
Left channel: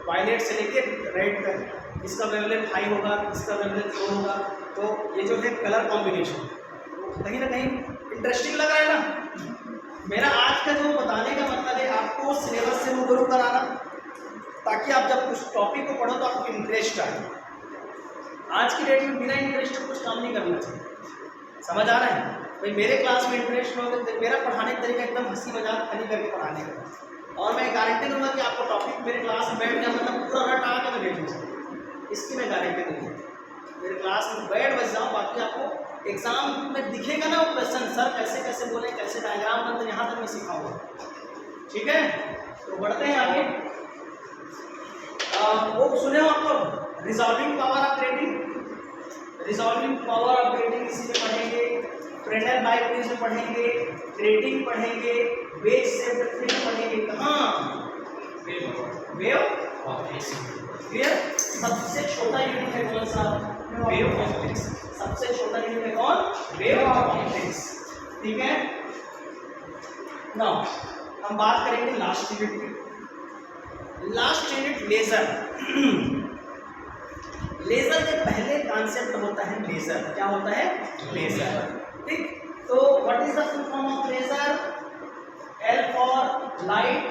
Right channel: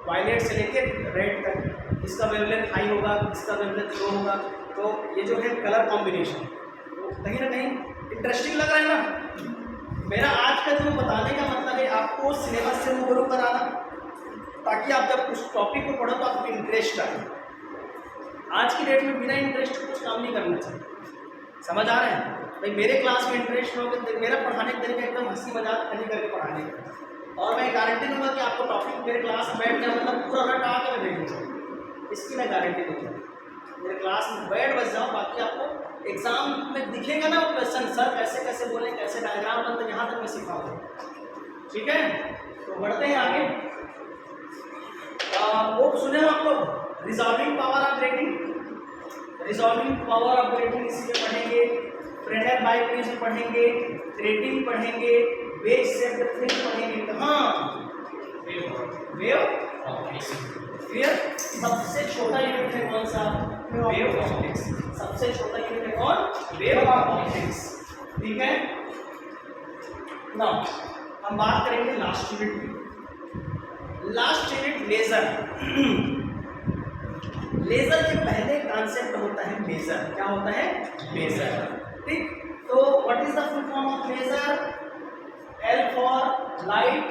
वायलेट से लेके रेड तक। इसका वेवलेंथ हाई होगा, इसका वेवलेंथ लो होगा। तो ये जो है कलर कॉम्बिनेशन, तो कहीं ना कहीं इंटरेस्टिंग लग रहा है ना। मेरा आज का जो बताने का मतलब है, आपको सिलेबस से रूबरू कराना, ताकि आप जब उस टॉपिक को पढ़ो तो आपको इंटरेस्ट आए। आज की डेट में बिना इंटरेस्ट को कुछ काम नहीं करना चाहिए। समझ आ रहा है भाई, मेरे क्लास में इंटरेस्ट हो तो मेरा पढ़ाने का तरीका एकदम हंसी मजाक खड़ी करके पढ़ाने का, और मैं गारंटी दूंगा कि आपको टॉपिक मेरे क्लास में बैठ गया मतलब पूरा रट आके मैं भेजूँगा, इसकी मैं गारंटी दूँगा। मेरे क्लास में बैठ बच जाऊँ, बाकी आपको एग्जाम में दिखेगा ना वो क्वेश्चन, सर कैसे कैसे बोले, कैसे डायग्राम बनते, यहाँ तक मैं सिखाऊंगा। ठीक है, तो बढ़ते हैं आगे। वो सुने हो आप लोग resolving power of grating. Resolving power of grating इसीलिए पढ़ेंगे, फ्रेनेल पाइप प्रिज्म पढ़ेंगे, ग्रेटिंग पढ़ेंगे, वेज शेप्ड फ्रिंज पढ़ेंगे। कहाँ, वेव ऑप्टिक्स। क्लियर। सबसे छोटा यूनिट है कौन सा, वेव ऑप्टिक्स। सबसे छोटा यूनिट है कौन, वेव ऑप्टिक्स। ठीक है, नाउ हम बात करेंगे लास्ट यूनिट की। Last unit laser. लेजर के पहले कॉन्सेप्ट होता है लेजर। क्या होता है, लेजर। ठीक, तो what is the full form of laser? L for light,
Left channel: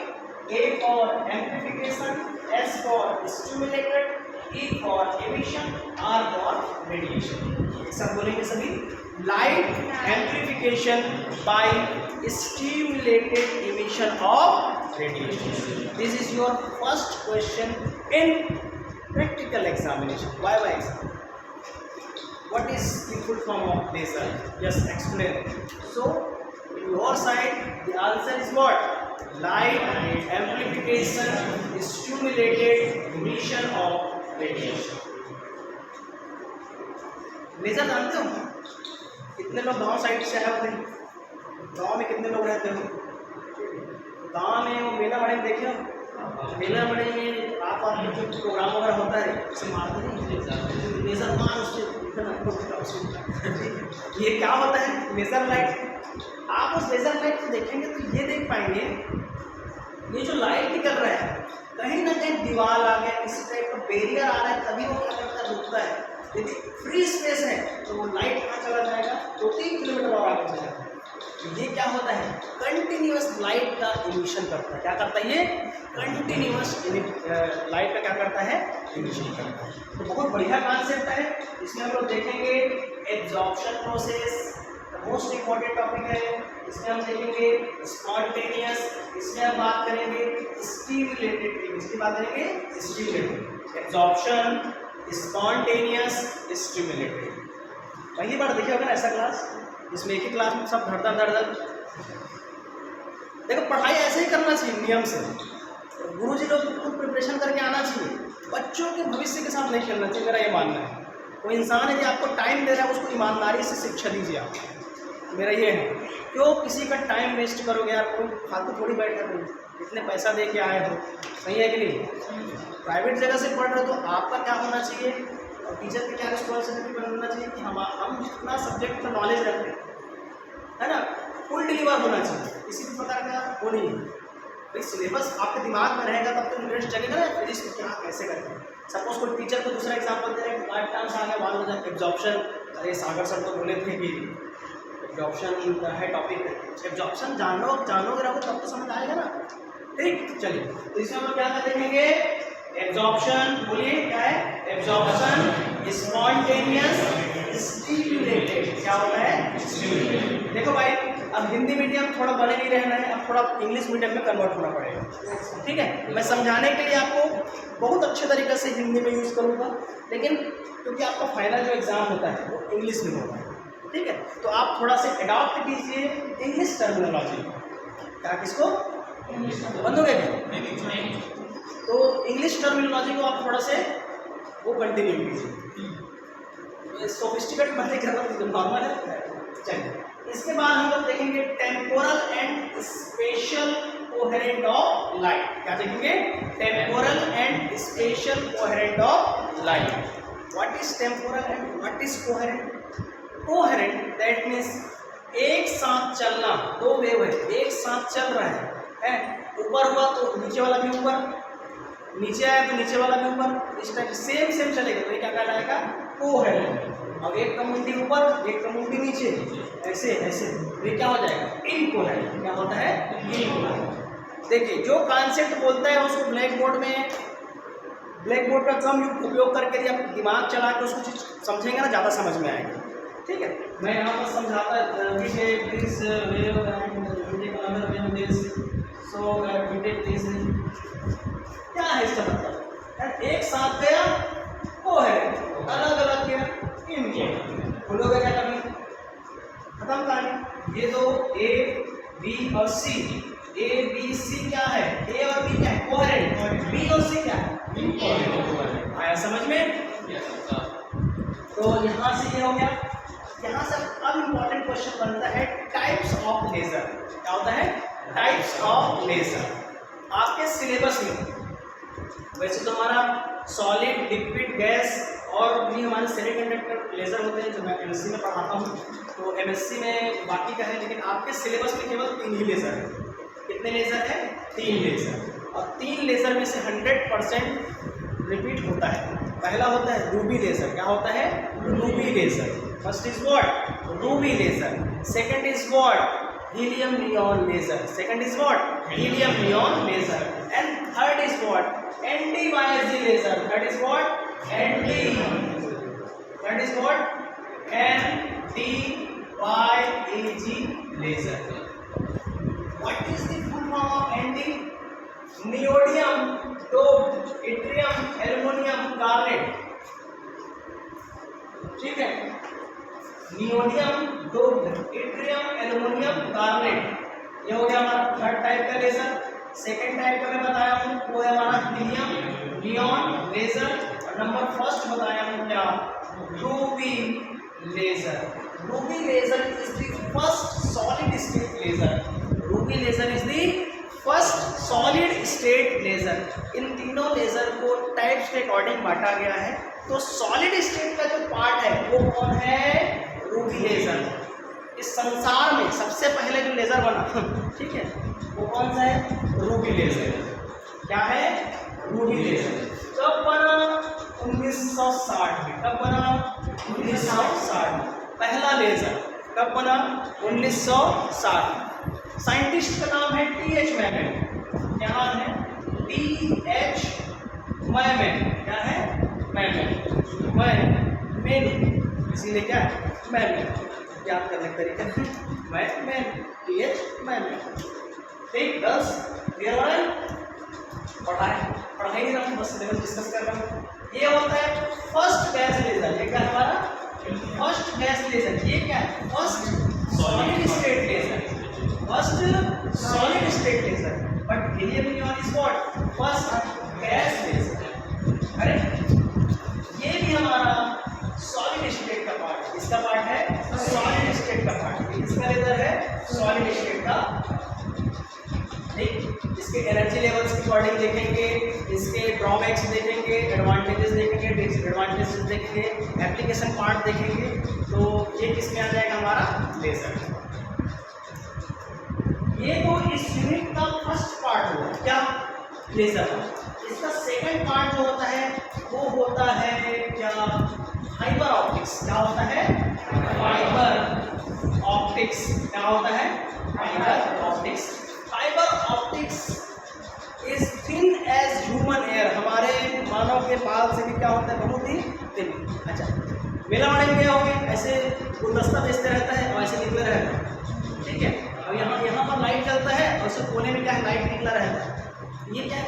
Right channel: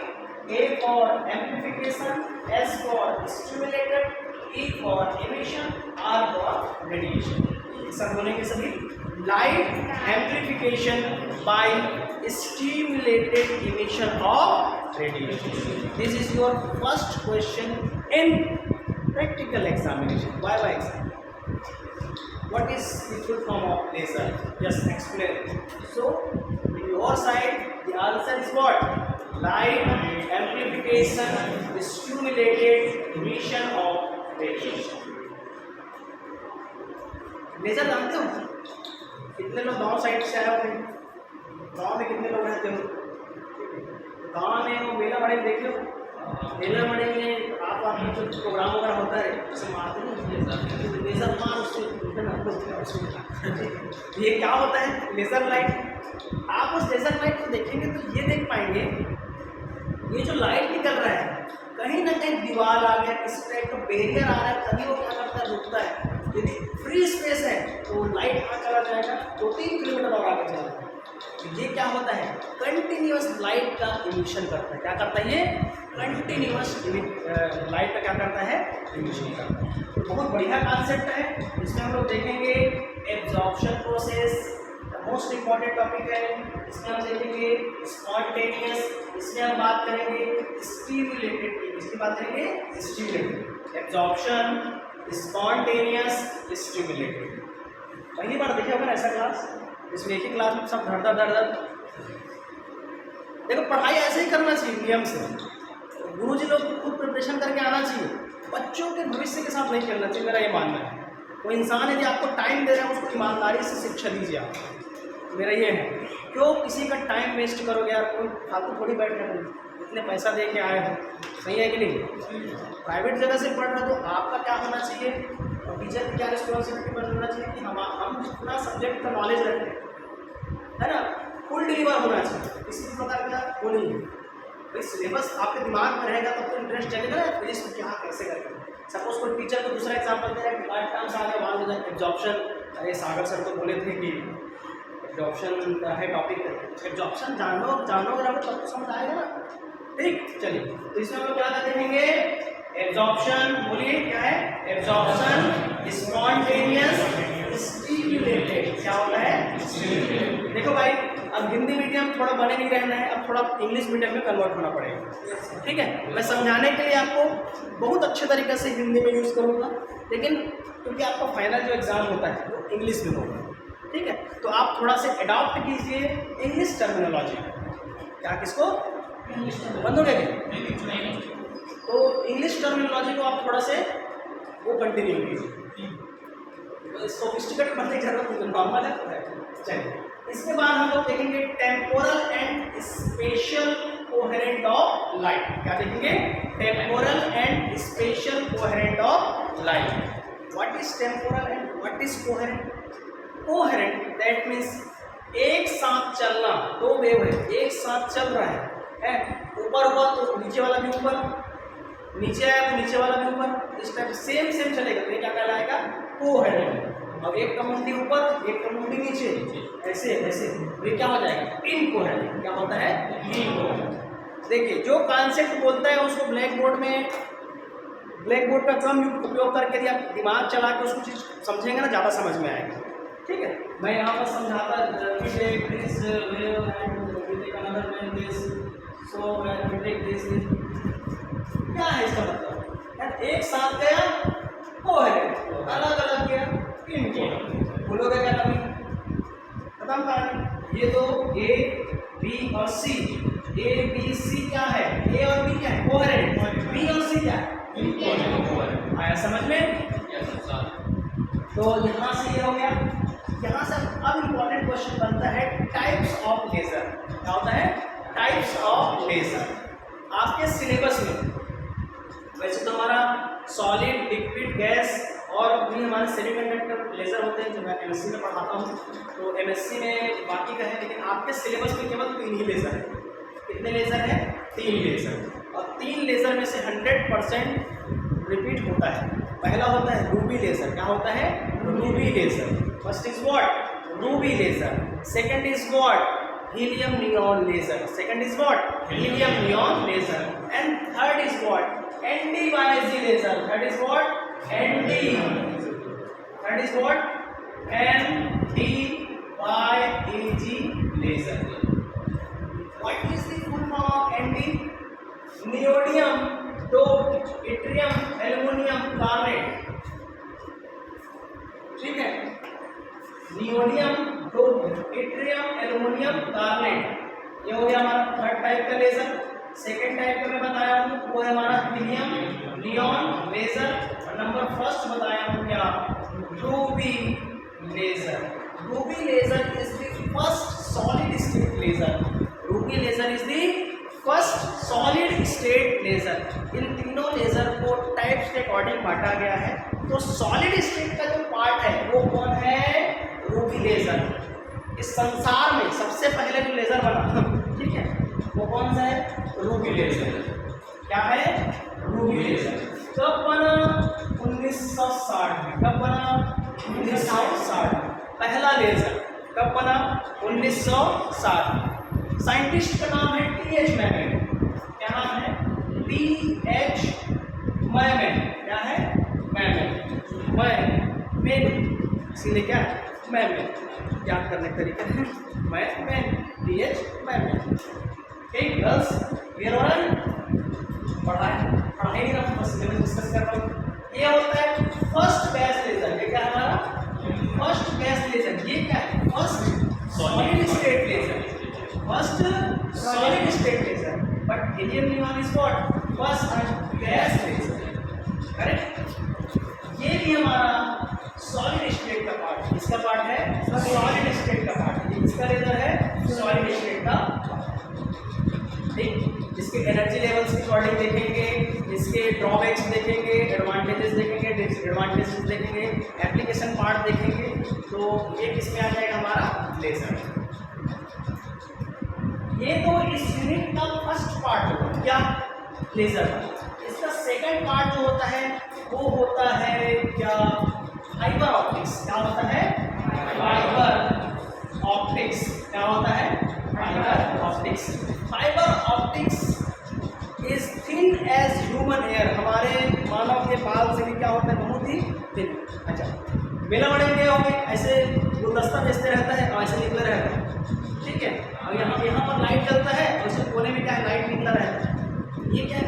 A for amplification, S for stimulated, E for emission, R for radiation। एक साथ बोलेंगे सभी, light amplification by stimulated emission of radiation। This is your first question in practical examination, YY exam। What is the full form of laser? Just explain. So in your side the answer is what? Light amplification, stimulated emission of radiation। Laser जानते हो? कितने लोग गांव side से आए होते हैं? गांव में कितने लोग रहते हो? गांव में वो मेला बड़े देखे हो? मेला बड़े में आप जो प्रोग्राम वगैरह होता है उसे मारते नहीं, लेजर मार उससे ये क्या होता है, लेजर लाइट। आप उस लेजर लाइट को देखेंगे तो ये देख पाएंगे, ये जो लाइट निकल रहा है कहीं ना कहीं दीवार आ गया, किसी टाइप का बैरियर आ रहा है, तभी वो क्या करता है, रुकता है। यदि फ्री स्पेस है तो वो लाइट कहाँ चला जाएगा, 2-3 किलोमीटर और आगे जाएगा। तो ये क्या होता है, कंटिन्यूअस लाइट का इमिशन करता है। क्या करता है ये, कंटिन्यूअस लाइट का क्या करता है, इमिशन करता है। तो बहुत बढ़िया कॉन्सेप्ट है। इसमें हम लोग देखेंगे absorption process, most important topic है। इसमें हम देखेंगे स्पॉन्टेनियस, इसमें हम बात करेंगे स्टिमुलेटेड थिंग, इसकी बात करेंगे स्टिमुलेटेड, एब्जॉर्प्शन, स्पॉन्टेनियस, स्टिमुलेटेड। पहली बार देखिए होगा ऐसा क्लास जिसमें एक ही क्लास में सब धड़ धड़। देखो पढ़ाई ऐसे ही करना चाहिए नियम से, गुरुजी लोग खुद प्रिपरेशन करके आना चाहिए, बच्चों के भविष्य के साथ नहीं खेलना चाहिए, मेरा ये मानना है। कोई इंसान यदि आपको टाइम दे रहा है उसको ईमानदारी से शिक्षा दीजिए आप, मेरा ये है। क्यों किसी का टाइम वेस्ट करोगे यार, कोई फालतू थोड़ी बैठ रहे हो, इतने पैसा दे के आए हो, सही है कि नहीं? प्राइवेट जगह से पढ़ रहे हो तो आपका क्या होना चाहिए और टीचर की क्या रिस्पॉन्सिबिलिटी बनना चाहिए कि हम जितना सब्जेक्ट का नॉलेज रखें, है ना, फुल डिलीवर होना चाहिए, किसी भी प्रकार का वो नहीं है। भाई सिलेबस आपके दिमाग में रहेगा तब तो इंटरेस्ट जगेगा ना फिजिक्स को क्या कैसे करते हैं। सपोज कोई टीचर को दूसरा एग्जाम्पल दे रहा है, डिमांड टर्म्स आ गया, मान लो एब्जॉर्प्शन, अरे सागर सर तो बोले थे कि एब्जॉर्प्शन का है टॉपिक, एब्जॉर्प्शन जानोगे ना तब तो समझ आएगा ना। ठीक, चलिए तो इसमें हम लोग क्या देखेंगे, एब्जॉर्प्शन, बोलिए क्या है एब्जॉर्प्शन, स्पॉन्टेनियस, स्टिमुलेटेड। क्या होता है? देखो भाई अब हिंदी मीडियम थोड़ा बने नहीं रहना है, अब थोड़ा इंग्लिश मीडियम में कन्वर्ट होना पड़ेगा, ठीक है। मैं समझाने के लिए आपको बहुत अच्छे तरीके से हिंदी में यूज़ करूँगा, लेकिन क्योंकि आपका फाइनल जो एग्ज़ाम होता है वो इंग्लिश में होगा, ठीक है, तो आप थोड़ा से अडॉप्ट कीजिए इंग्लिश टर्मिनोलॉजी। क्या किसको बंद हो गया क्या? तो इंग्लिश टर्मिनोलॉजी को आप थोड़ा से वो कंटिन्यू कीजिए, सोफिस्टिकेट बनने की जरूरत नॉर्मल है। चलिए इसके बाद हम लोग देखेंगे temporal and special coherent of light. क्या देखेंगे? Temporal and special coherent of light. What is temporal and what is coherent? Coherent that means एक साथ चलना, दो वेव है एक साथ चल रहा है, ऊपर हुआ तो नीचे वाला भी ऊपर, नीचे आया तो नीचे वाला भी ऊपर, इस टाइप सेम चलेगा, तो ये क्या कहलाएगा? कोहेरेंट। अब एक का मुंडी ऊपर एक का मुंडी नीचे, ऐसे ऐसे, तो ये क्या हो जाएगा? इनकोहेरेंट। क्या होता है? इनकोहेरेंट। देखिए जो कॉन्सेप्ट बोलता है उसको ब्लैक बोर्ड का कम उपयोग करके यदि आप दिमाग चला के उसको चीज़ समझेंगे ना ज़्यादा समझ में आएगा, ठीक है। मैं यहाँ पर समझाता क्या है इसका मतलब? एक साथ गया कोहेरेंट, अलग अलग गया इनकोहेरेंट। भूलोगे क्या कभी? खत्म कहानी। ये दो ए बी और सी, ए बी सी क्या है? ए और बी क्या है? कोहेरेंट। बी और सी क्या है? इनकोहेरेंट। आया समझ में? तो यहाँ से ये हो गया। यहाँ से अब इम्पोर्टेंट क्वेश्चन बनता है टाइप्स ऑफ लेजर। क्या होता है? Types of laser. आपके सिलेबस में वैसे तो हमारा सॉलिड, लिक्विड, गैस और भी हमारे सेमीकंडक्टर लेजर होते हैं जो मैं एमएससी में पढ़ाता हूँ, तो एमएससी में बाकी का है, लेकिन आपके सिलेबस में केवल 3 ही लेजर है। कितने लेजर है? 3 लेजर। और 3 लेजर में से 100% रिपीट होता है। पहला होता है रूबी लेजर। क्या होता है? Ruby laser. First is what? Ruby laser. Second is what? Helium neon laser. Second is what? Helium neon laser. And third is what? ND-YAG laser. That is what? That is what? ND-YAG laser. What is the full form of ND? Neodymium doped yttrium aluminum garnet. ठीक है? Neodymium doped yttrium aluminum garnet. ये हो गया हमारा third type का laser. Second type का मैं बताया हूँ वो है हमारा हीलियम नियॉन लेजर, और नंबर फर्स्ट बताया हूँ क्या? Ruby laser. Ruby laser is the first solid state laser. Ruby laser is the first solid state laser. इन तीनों लेजर को टाइप्स के अकॉर्डिंग बांटा गया है। तो सॉलिड स्टेट का जो पार्ट है वो कौन है? Ruby laser. इस संसार में सबसे पहले जो लेजर बना, ठीक है, वो कौन सा है? Ruby laser. क्या है? Ruby laser. कब बना? 1960 में। कब बना? 1960 में। पहला लेजर कब बना? 1960। साइंटिस्ट का नाम है TH मैमन। क्या नाम है? TH मैमन। क्या है? मैमन। इसीलिए क्या है मैन याद करने का तरीका है मैन PH मैन। ठीक गर्ल्स क्लियर हो रहा है? पढ़ाई नहीं रहा बस सिलेबस डिस्कस कर रहा हूँ। ये होता है फर्स्ट गैस लेजर। ये क्या है हमारा फर्स्ट गैस लेजर। ये क्या है first solid state laser. First solid state laser but helium neon is what first gas laser. Correct? ये भी हमारा सॉलिड स्टेट का पार्ट है। इसका पार्ट है सॉलिड स्टेट का पार्ट। ये किसका लेजर है सॉलिड स्टेट का। ठीक इसके एनर्जी लेवल्स के अकॉर्डिंग देखेंगे, इसके ड्रॉबैक्स देखेंगे, एडवांटेजेस देखेंगे, डिसएडवांटेजेस देखेंगे, एप्लीकेशन पार्ट देखेंगे। तो ये किसमें आ जाएगा हमारा लेजर। ये तो इस यूनिट का फर्स्ट पार्ट होगा क्या लेजर का। इसका सेकंड पार्ट जो होता है वो होता है क्या फाइबर ऑप्टिक्स। क्या होता है फाइबर ऑप्टिक्स। क्या होता है fibre optics. Fibre optics is thin as human hair. हमारे मानव के बाल से भी क्या होता है बहुत ही थिन। अच्छा मेला मड़ेल गए होंगे ऐसे गुलदस्ता बेचते रहता है और ऐसे निकले रहता है। ठीक है और यहाँ पर लाइट जलता है और उसके कोने में क्या है लाइट निकला रहता है। ये क्या है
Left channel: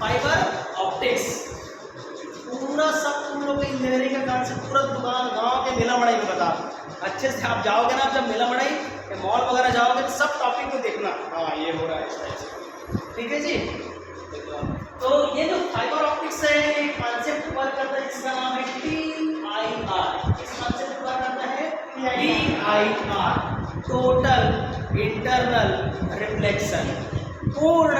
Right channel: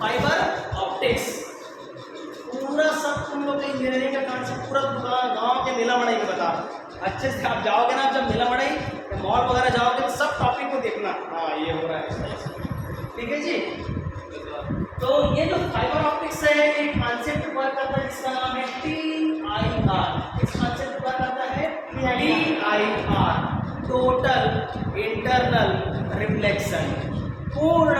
फाइबर ऑप्टिक्स। पूरा सब तुम लोग के इंजीनियरिंग का कॉन्सेप्ट पूरा दुकान गाँव के मेला मड़ाई में बता अच्छे से। आप जाओगे ना जब मेला मड़ाई या मॉल वगैरह जाओगे तो सब टॉपिक को देखना। हाँ ये हो रहा है ठीक है जी। तो ये जो फाइबर ऑप्टिक्स है ये कॉन्सेप्ट वर्क करता है जिसका नाम है TIR। इस कॉन्सेप्ट वर्क करता है TIR टोटल इंटरनल रिफ्लेक्शन पूर्ण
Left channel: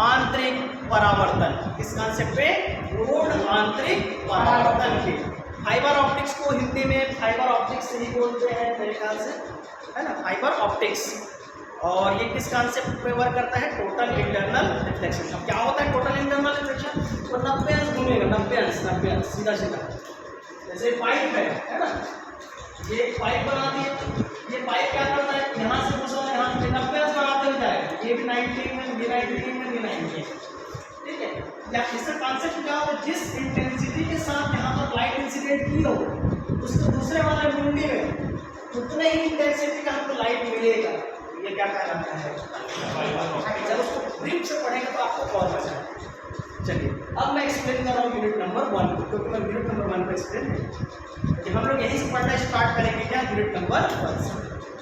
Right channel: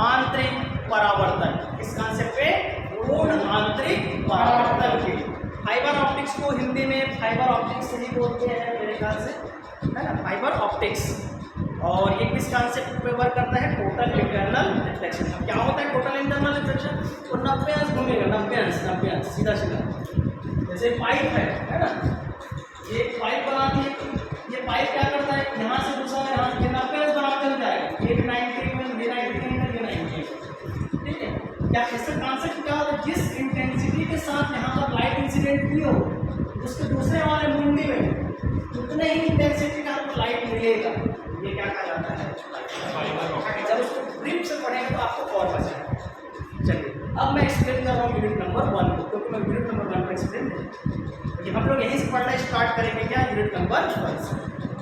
आंतरिक परावर्तन। किस कॉन्सेप्ट पे पूर्ण आंतरिक परावर्तन के। फाइबर ऑप्टिक्स को हिंदी में फाइबर ऑप्टिक्स से ही बोलते हैं मेरे ख्याल से है ना फाइबर ऑप्टिक्स। और ये किस कॉन्सेप्ट पे वर्क करता है टोटल इंटरनल रिफ्लेक्शन। अब क्या होता है टोटल इंटरनल रिफ्लेक्शन वो 90 अंश घूमेगा 90 अंश सीधा सीधा। जैसे पाइप है ना ये पाइप बनाती है। ये पाइप क्या करता है यहाँ से दूसरा यहाँ से 90 अंश बनाते हुए जाएगा। ये भी 90 में ये 90 में ये 90। ठीक है क्या इसका कॉन्सेप्ट क्या होता है जिस इंटेंसिटी के साथ यहाँ पर लाइट इंसिडेंट की हो उसके दूसरे वाले मुंडी में उतने ही इंटेंसिटी का हमको लाइट मिलेगा। ये क्या कहलाता है जब उसको ब्रीफ से पढ़ेंगे तो आपको और मजा आएगा। चलिए अब मैं एक्सप्लेन कर रहा हूँ यूनिट नंबर 1 को क्योंकि मैं यूनिट नंबर 1 पर एक्सप्लेन नहीं। हम लोग यहीं से पढ़ना स्टार्ट करेंगे क्या यूनिट नंबर 1 से।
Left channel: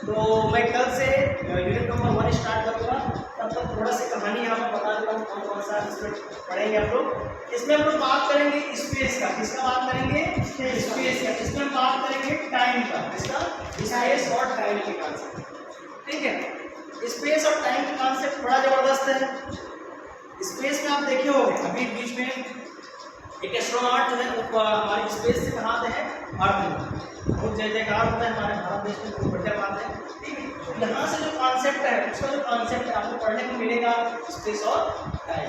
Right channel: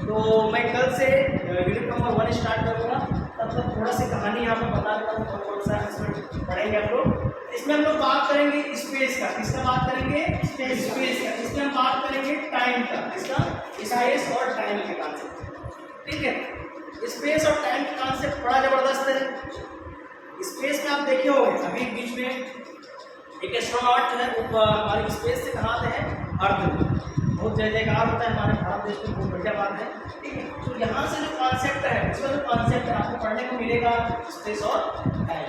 तो मैं कल से यूनिट नंबर 1 स्टार्ट करूँगा। तब तक थोड़ा सी कहानी यहाँ पर बता देता हूँ कौन कौन सा इसमें पढ़ेंगे हम लोग। इसमें हम लोग बात करेंगे स्पेस का। किसका बात करेंगे स्पेस का। इसमें हम बात करेंगे टाइम का। किसका स्पेस और टाइम के कॉन्सेप्ट। ठीक है स्पेस और टाइम का कॉन्सेप्ट बड़ा ज़बरदस्त है। स्पेस में आप देखे होंगे अभी बीच में एक एस्ट्रोनॉट जो है वो हमारे स्पेस से कहाँ आते हैं अर्थ। बहुत जय जयकार होता है हमारे भारत देश में बहुत बढ़िया बात है। ठीक है तो यहाँ से जो कॉन्सेप्ट है उसका जो कॉन्सेप्ट है आपको पढ़ने को मिलेगा स्पेस और टाइम।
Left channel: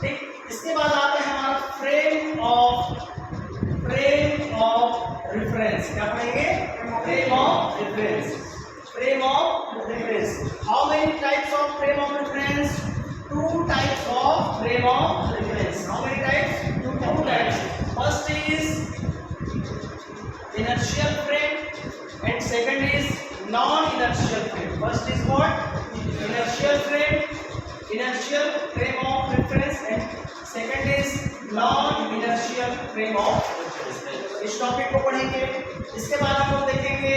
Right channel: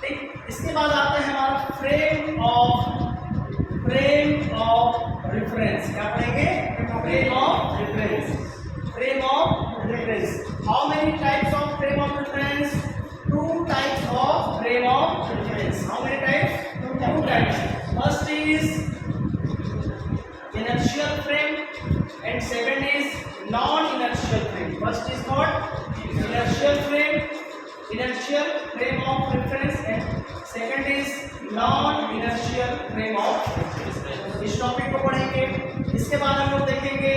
ठीक इसके बाद आता है हमारा फ्रेम ऑफ रेफरेंस। क्या पढ़ेंगे frame of reference. How many types of frame of reference 2 types of frame of reference. How many types? 2 types. First is inertial frame and second is non-inertial frame. First is what? Inertial frame of reference and second is non-inertial frame of reference. इस topic को पढ़ेंगे। इसके बाद हम लोग देखेंगे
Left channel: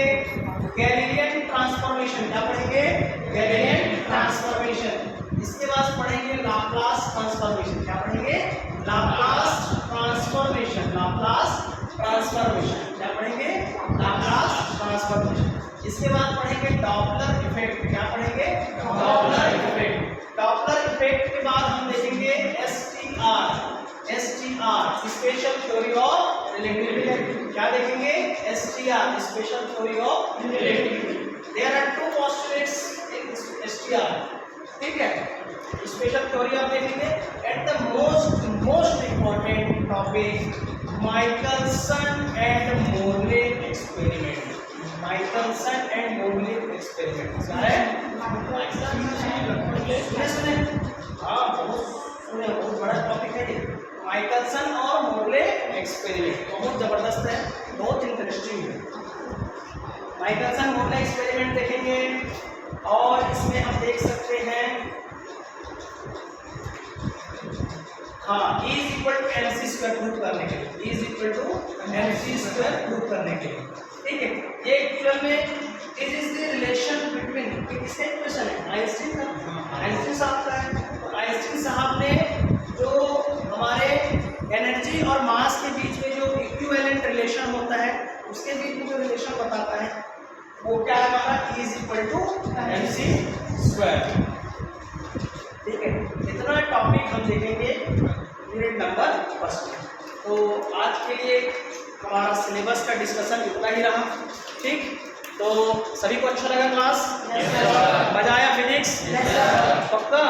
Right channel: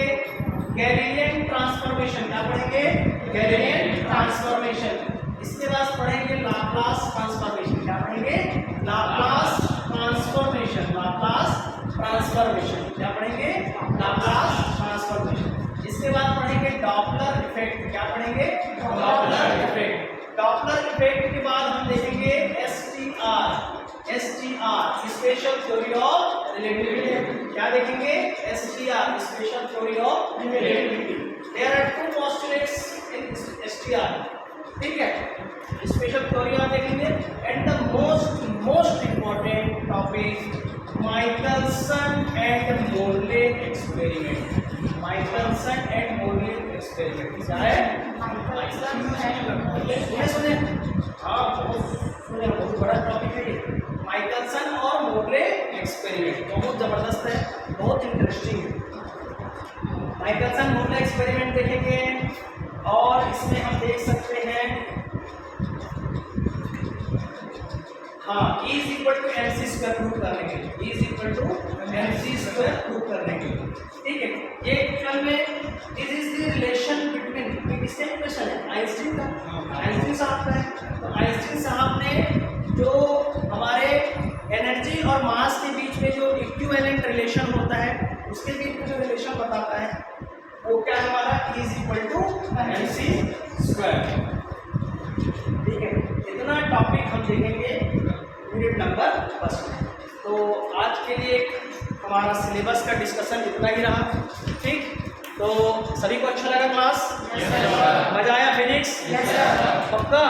Galilean transformation. क्या पढ़ेंगे गैलीलियन ट्रांसफॉर्मेशन। इसके बाद पढ़ेंगे लाप्लास ट्रांसफॉर्मेशन। क्या पढ़ेंगे लाप्लास ट्रांसफॉर्मेशन। क्या पढ़ेंगे लाप्लास ट्रांसफॉर्मेशन। इसके बाद पढ़ेंगे डॉपलर इफेक्ट। क्या पढ़ेंगे डॉपलर इफेक्ट के बाद हम देखेंगे STR special theory of relativity. क्या देखेंगे STR special theory of relativity. There are 2 postulates in STR। ठीक है स्पेशल थ्योरी आप देखेंगे। And the most important topic Michelson and Morley experiment. क्या है सुने हाँ बहुत सुने बहुत बहुत बड़ा टॉपिक है ये, माइकलसन और मोरले एक्सपेरिमेंट। बहुत ज़बरदस्त है, बहुत इंटरेस्टिंग है। माइकलसन मोरले एक्सपेरिमेंट देखेंगे और इसमें हम देख सकते हैं हाँ, E is equal to M C square prove करने के लिए, E is equal to M C square prove करने के लिए, ठीक है। ये एक्चुअल में this is the relation between, किसका इक्वेशन है? आइंस्टीन का, आइंस्टीन साहब का है। तो आइंस्टीन साहब ने जो हमारे एनर्जी और मास के बीच में जो इक्विवेलेंट रिलेशन होता है, उसके बीच में जो रिलेशन बताता है वो क्या है हमारा? E is equal to M C square, ठीक है। इतना टॉपिक हम देखेंगे यूनिट नंबर फर्स्ट में। तो आज के लिए हमारा सिलेबस का डिस्कशन इतना ही रहा, ठीक। तो सभी को अच्छा लगा क्लास? मजा आया फिजिक्स? पक्का?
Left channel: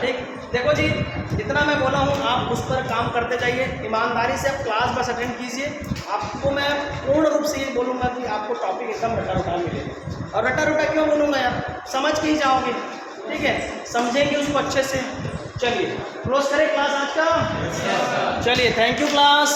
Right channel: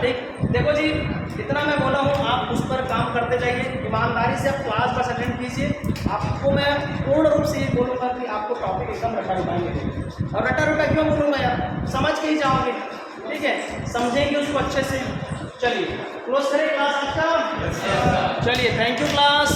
ठीक। देखो जी, जितना मैं बोला हूँ आप उस पर काम करते जाइए, ईमानदारी से आप क्लास बस अटेंड कीजिए। आपको मैं पूर्ण रूप से ये बोलूँगा कि आपको टॉपिक एकदम रटा रटा मिलेगा। और रटा रटा क्यों बोलूँगा यार, समझ के ही जाओगे, ठीक है, समझेंगे उसको अच्छे से। चलिए क्लोज करें क्लास आज का। चलिए, थैंक यू क्लास।